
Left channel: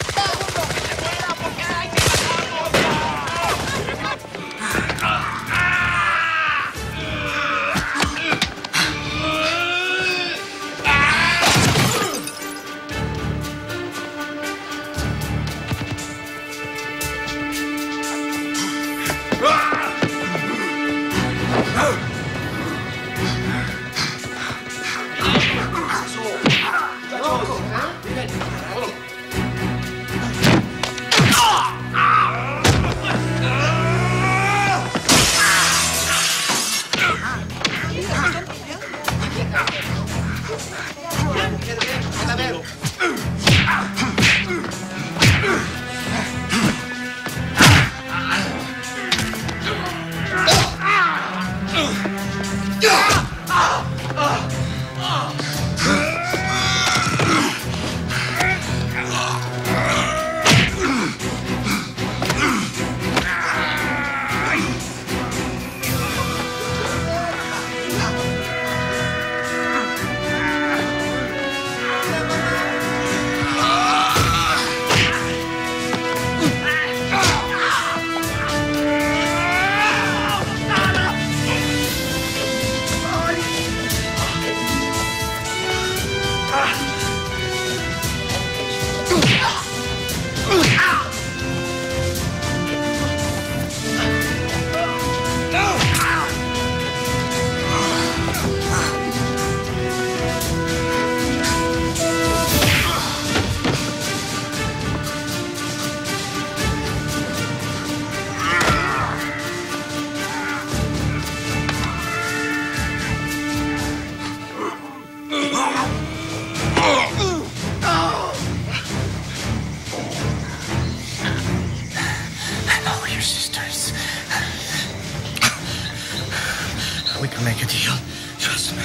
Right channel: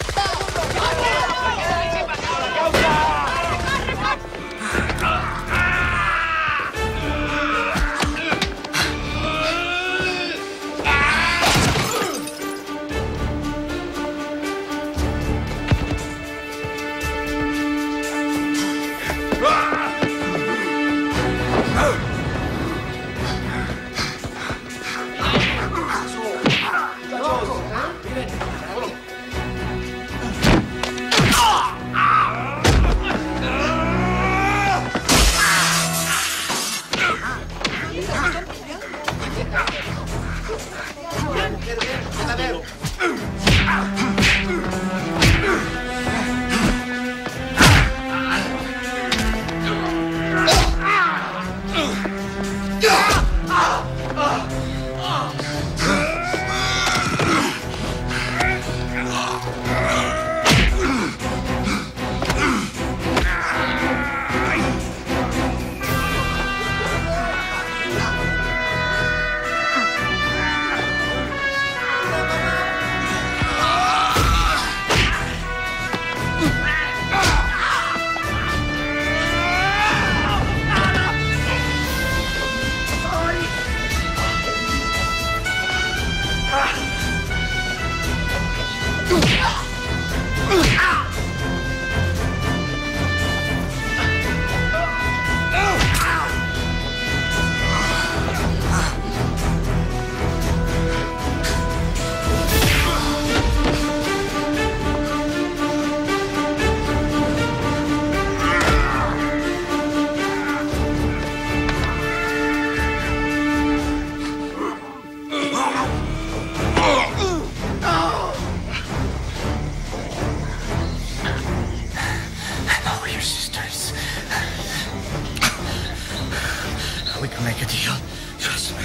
We can make a deal. Trust me.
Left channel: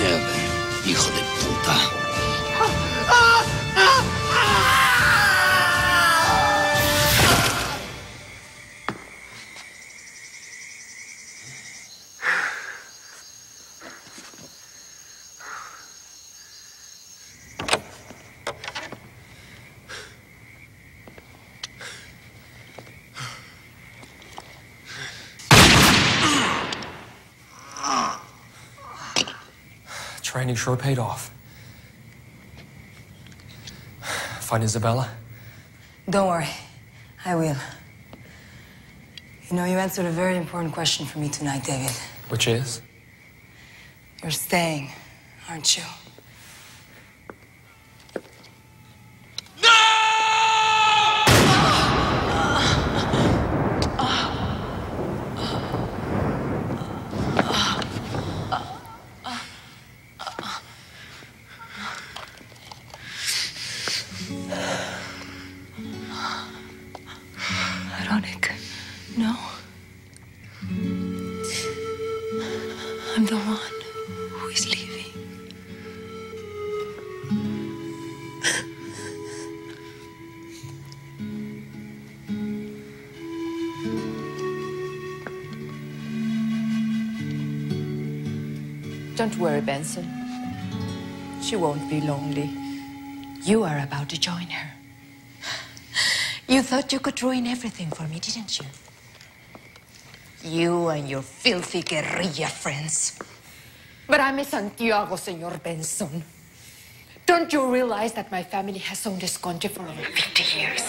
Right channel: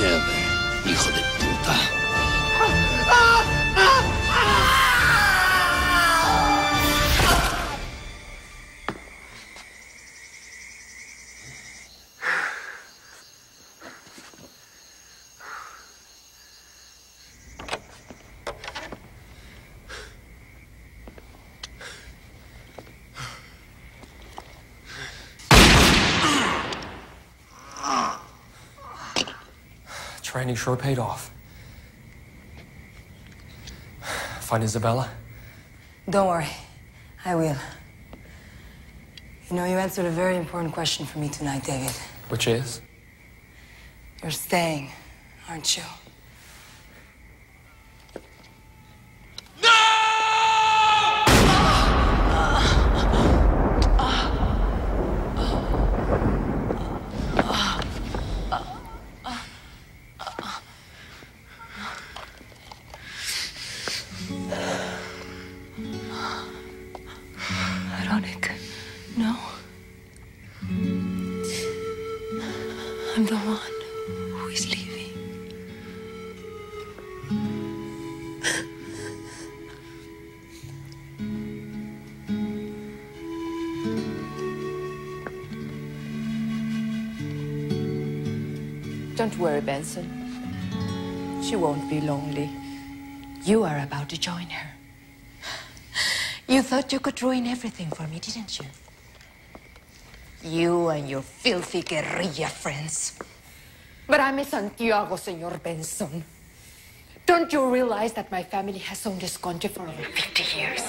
Never, hijo de puta. Training sure paid off. Find Isabella? Don't worry. I will. You know, you answered a very important question for me tonight, David. Which is? You're staying, aren't you? Veronica, no. I'm the one who is leaving. Don't worry, Benson. She won't be lonely. You are about to join her. You thought you could ruin everything for me, didn't you? You and your filthy guerrilla friends. But I'm in Santiago, Senor Benson. Don't you realize that my family has owned this country for over 50 years?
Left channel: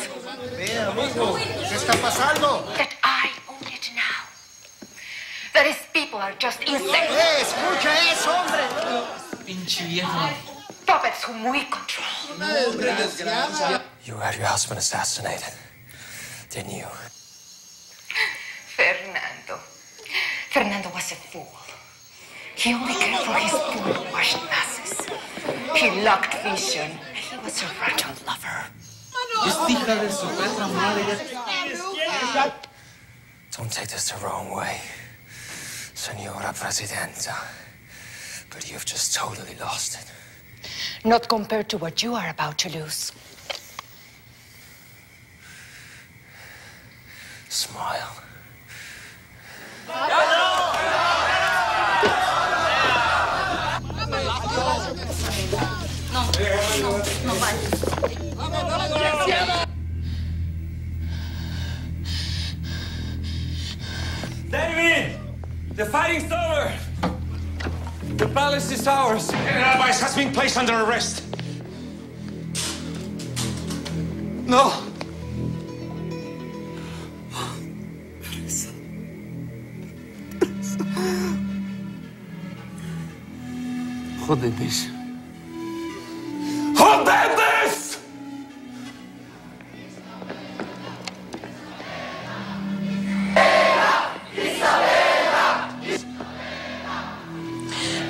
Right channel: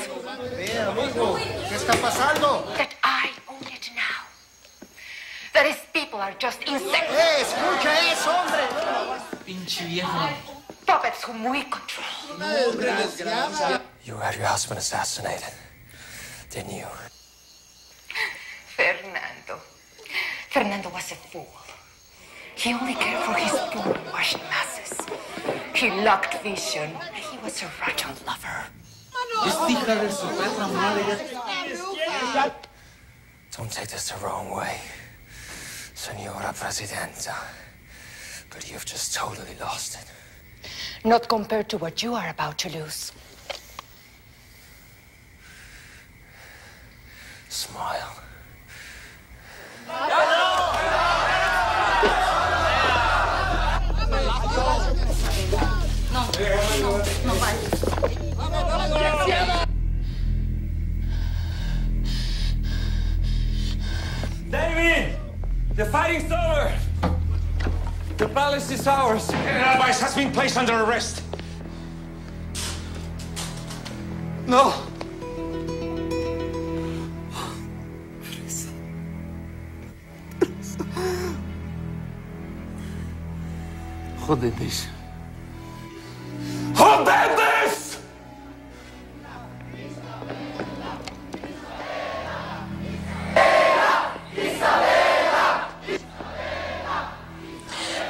¿Qué está pasando? That I own it now. That his people are just insane. Escucha eso, hombre. Pinche viejo. Puppets whom we control. You had your husband assassinated, didn't you? Fernando was a fool. He only cared for his poor-washed masses. He lacked vision. He was a rotten lover. Don't take this the wrong way, Senora Presidenta, but you've just totally lost it. Not compared to what you are about to lose. Smile. David! The fighting's over! The palace is ours. General Weiss has been placed under arrest. No! Jodetes. Jodetes!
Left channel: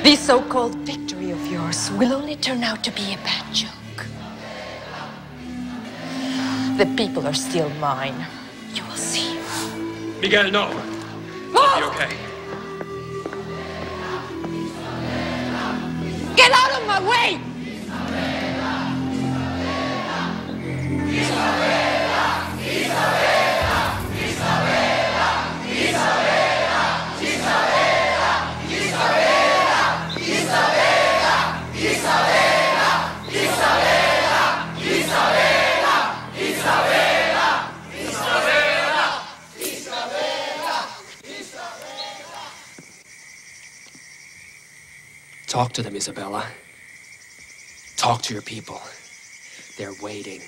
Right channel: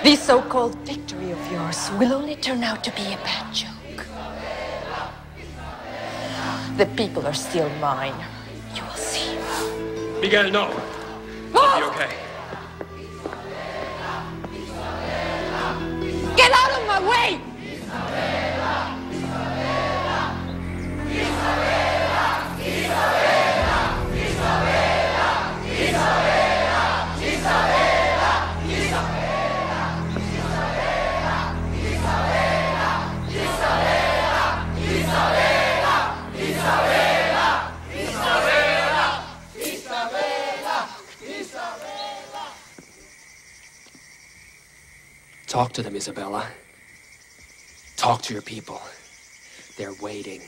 This so-called victory of yours will only turn out to be a bad joke. The people are still mine. You will see. Miguel, no. I'll be okay. Get out of my way! Talk to them, Isabella. Talk to your people. They're waiting.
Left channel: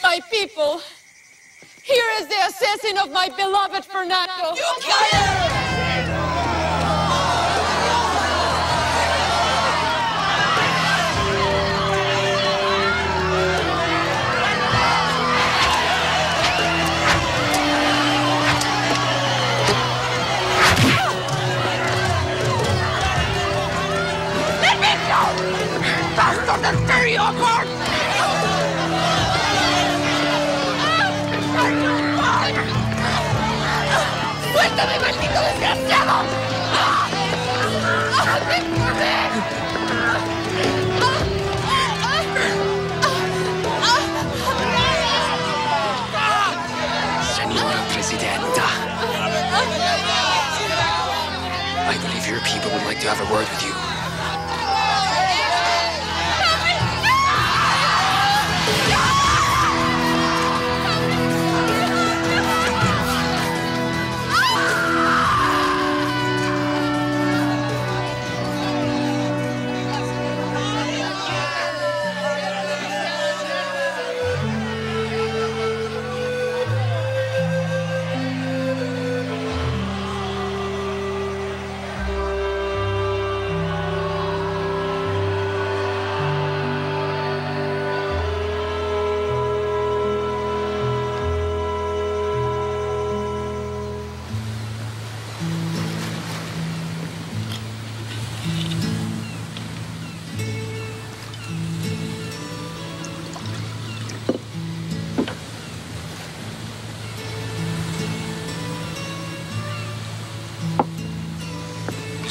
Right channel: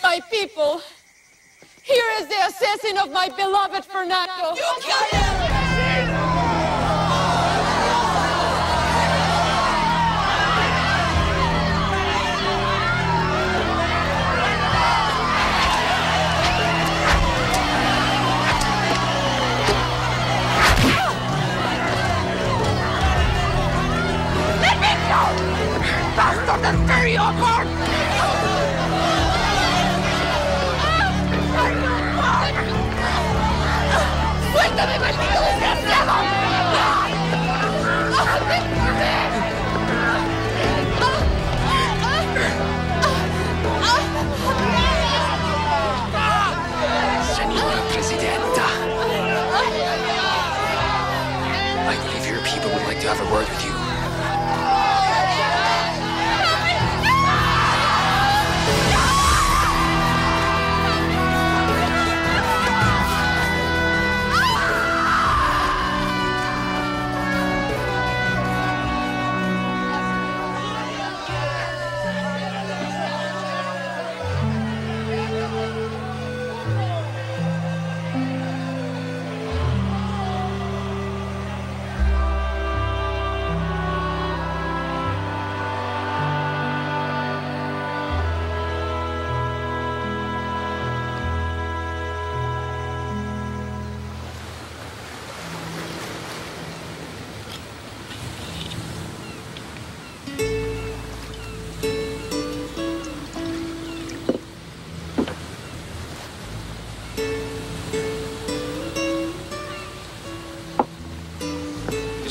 My people, here is the assassin of my beloved Fernando. You killed him! bastard and tear you apart! ¡Suéltame, maldito desgraciado! Senora Presidenta. I believe your people would like to have a word with you.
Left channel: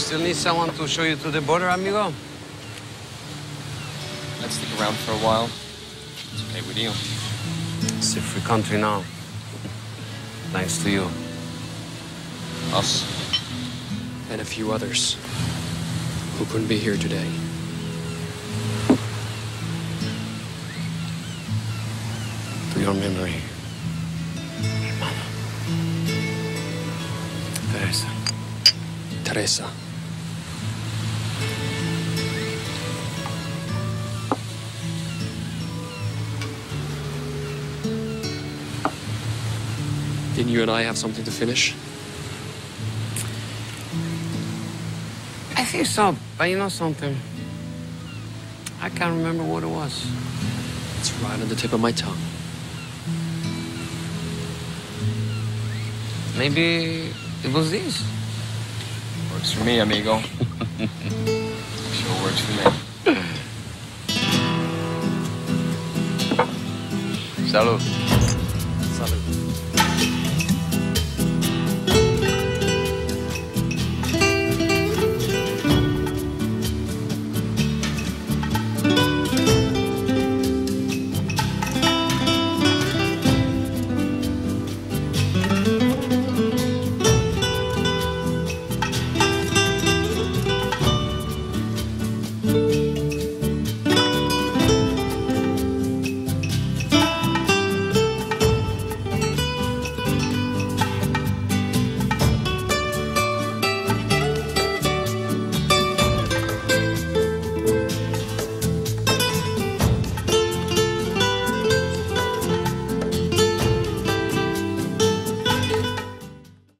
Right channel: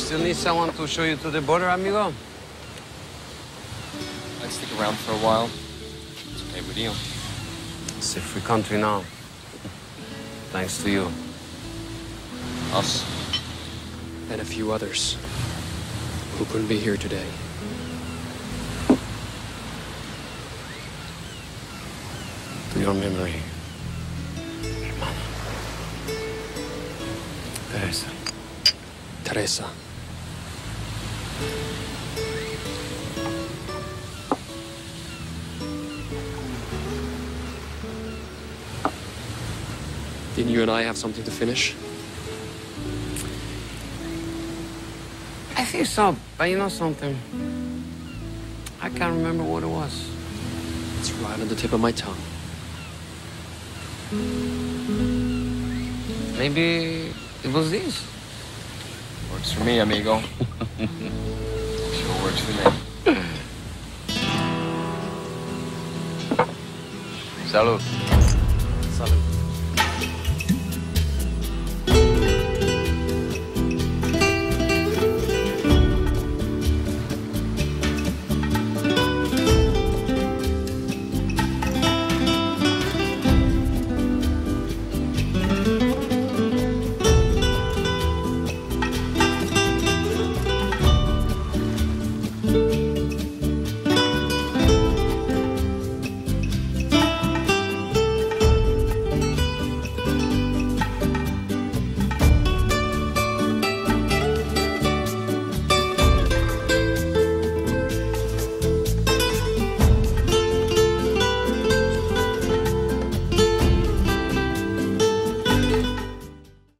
Still need someone to show you to the border, amigo? I'd stick around for a while. It's okay with you. It's a free country now. Thanks to you. Us. And a few others who couldn't be here today. To your memory, hermana. Teresa. Teresa. Didn't you and I have something to finish? I think so, but you know something? I can't remember what it was. It's right on the tip of my tongue. Maybe it was this. Works for me, amigo. Sure works for me. Salud.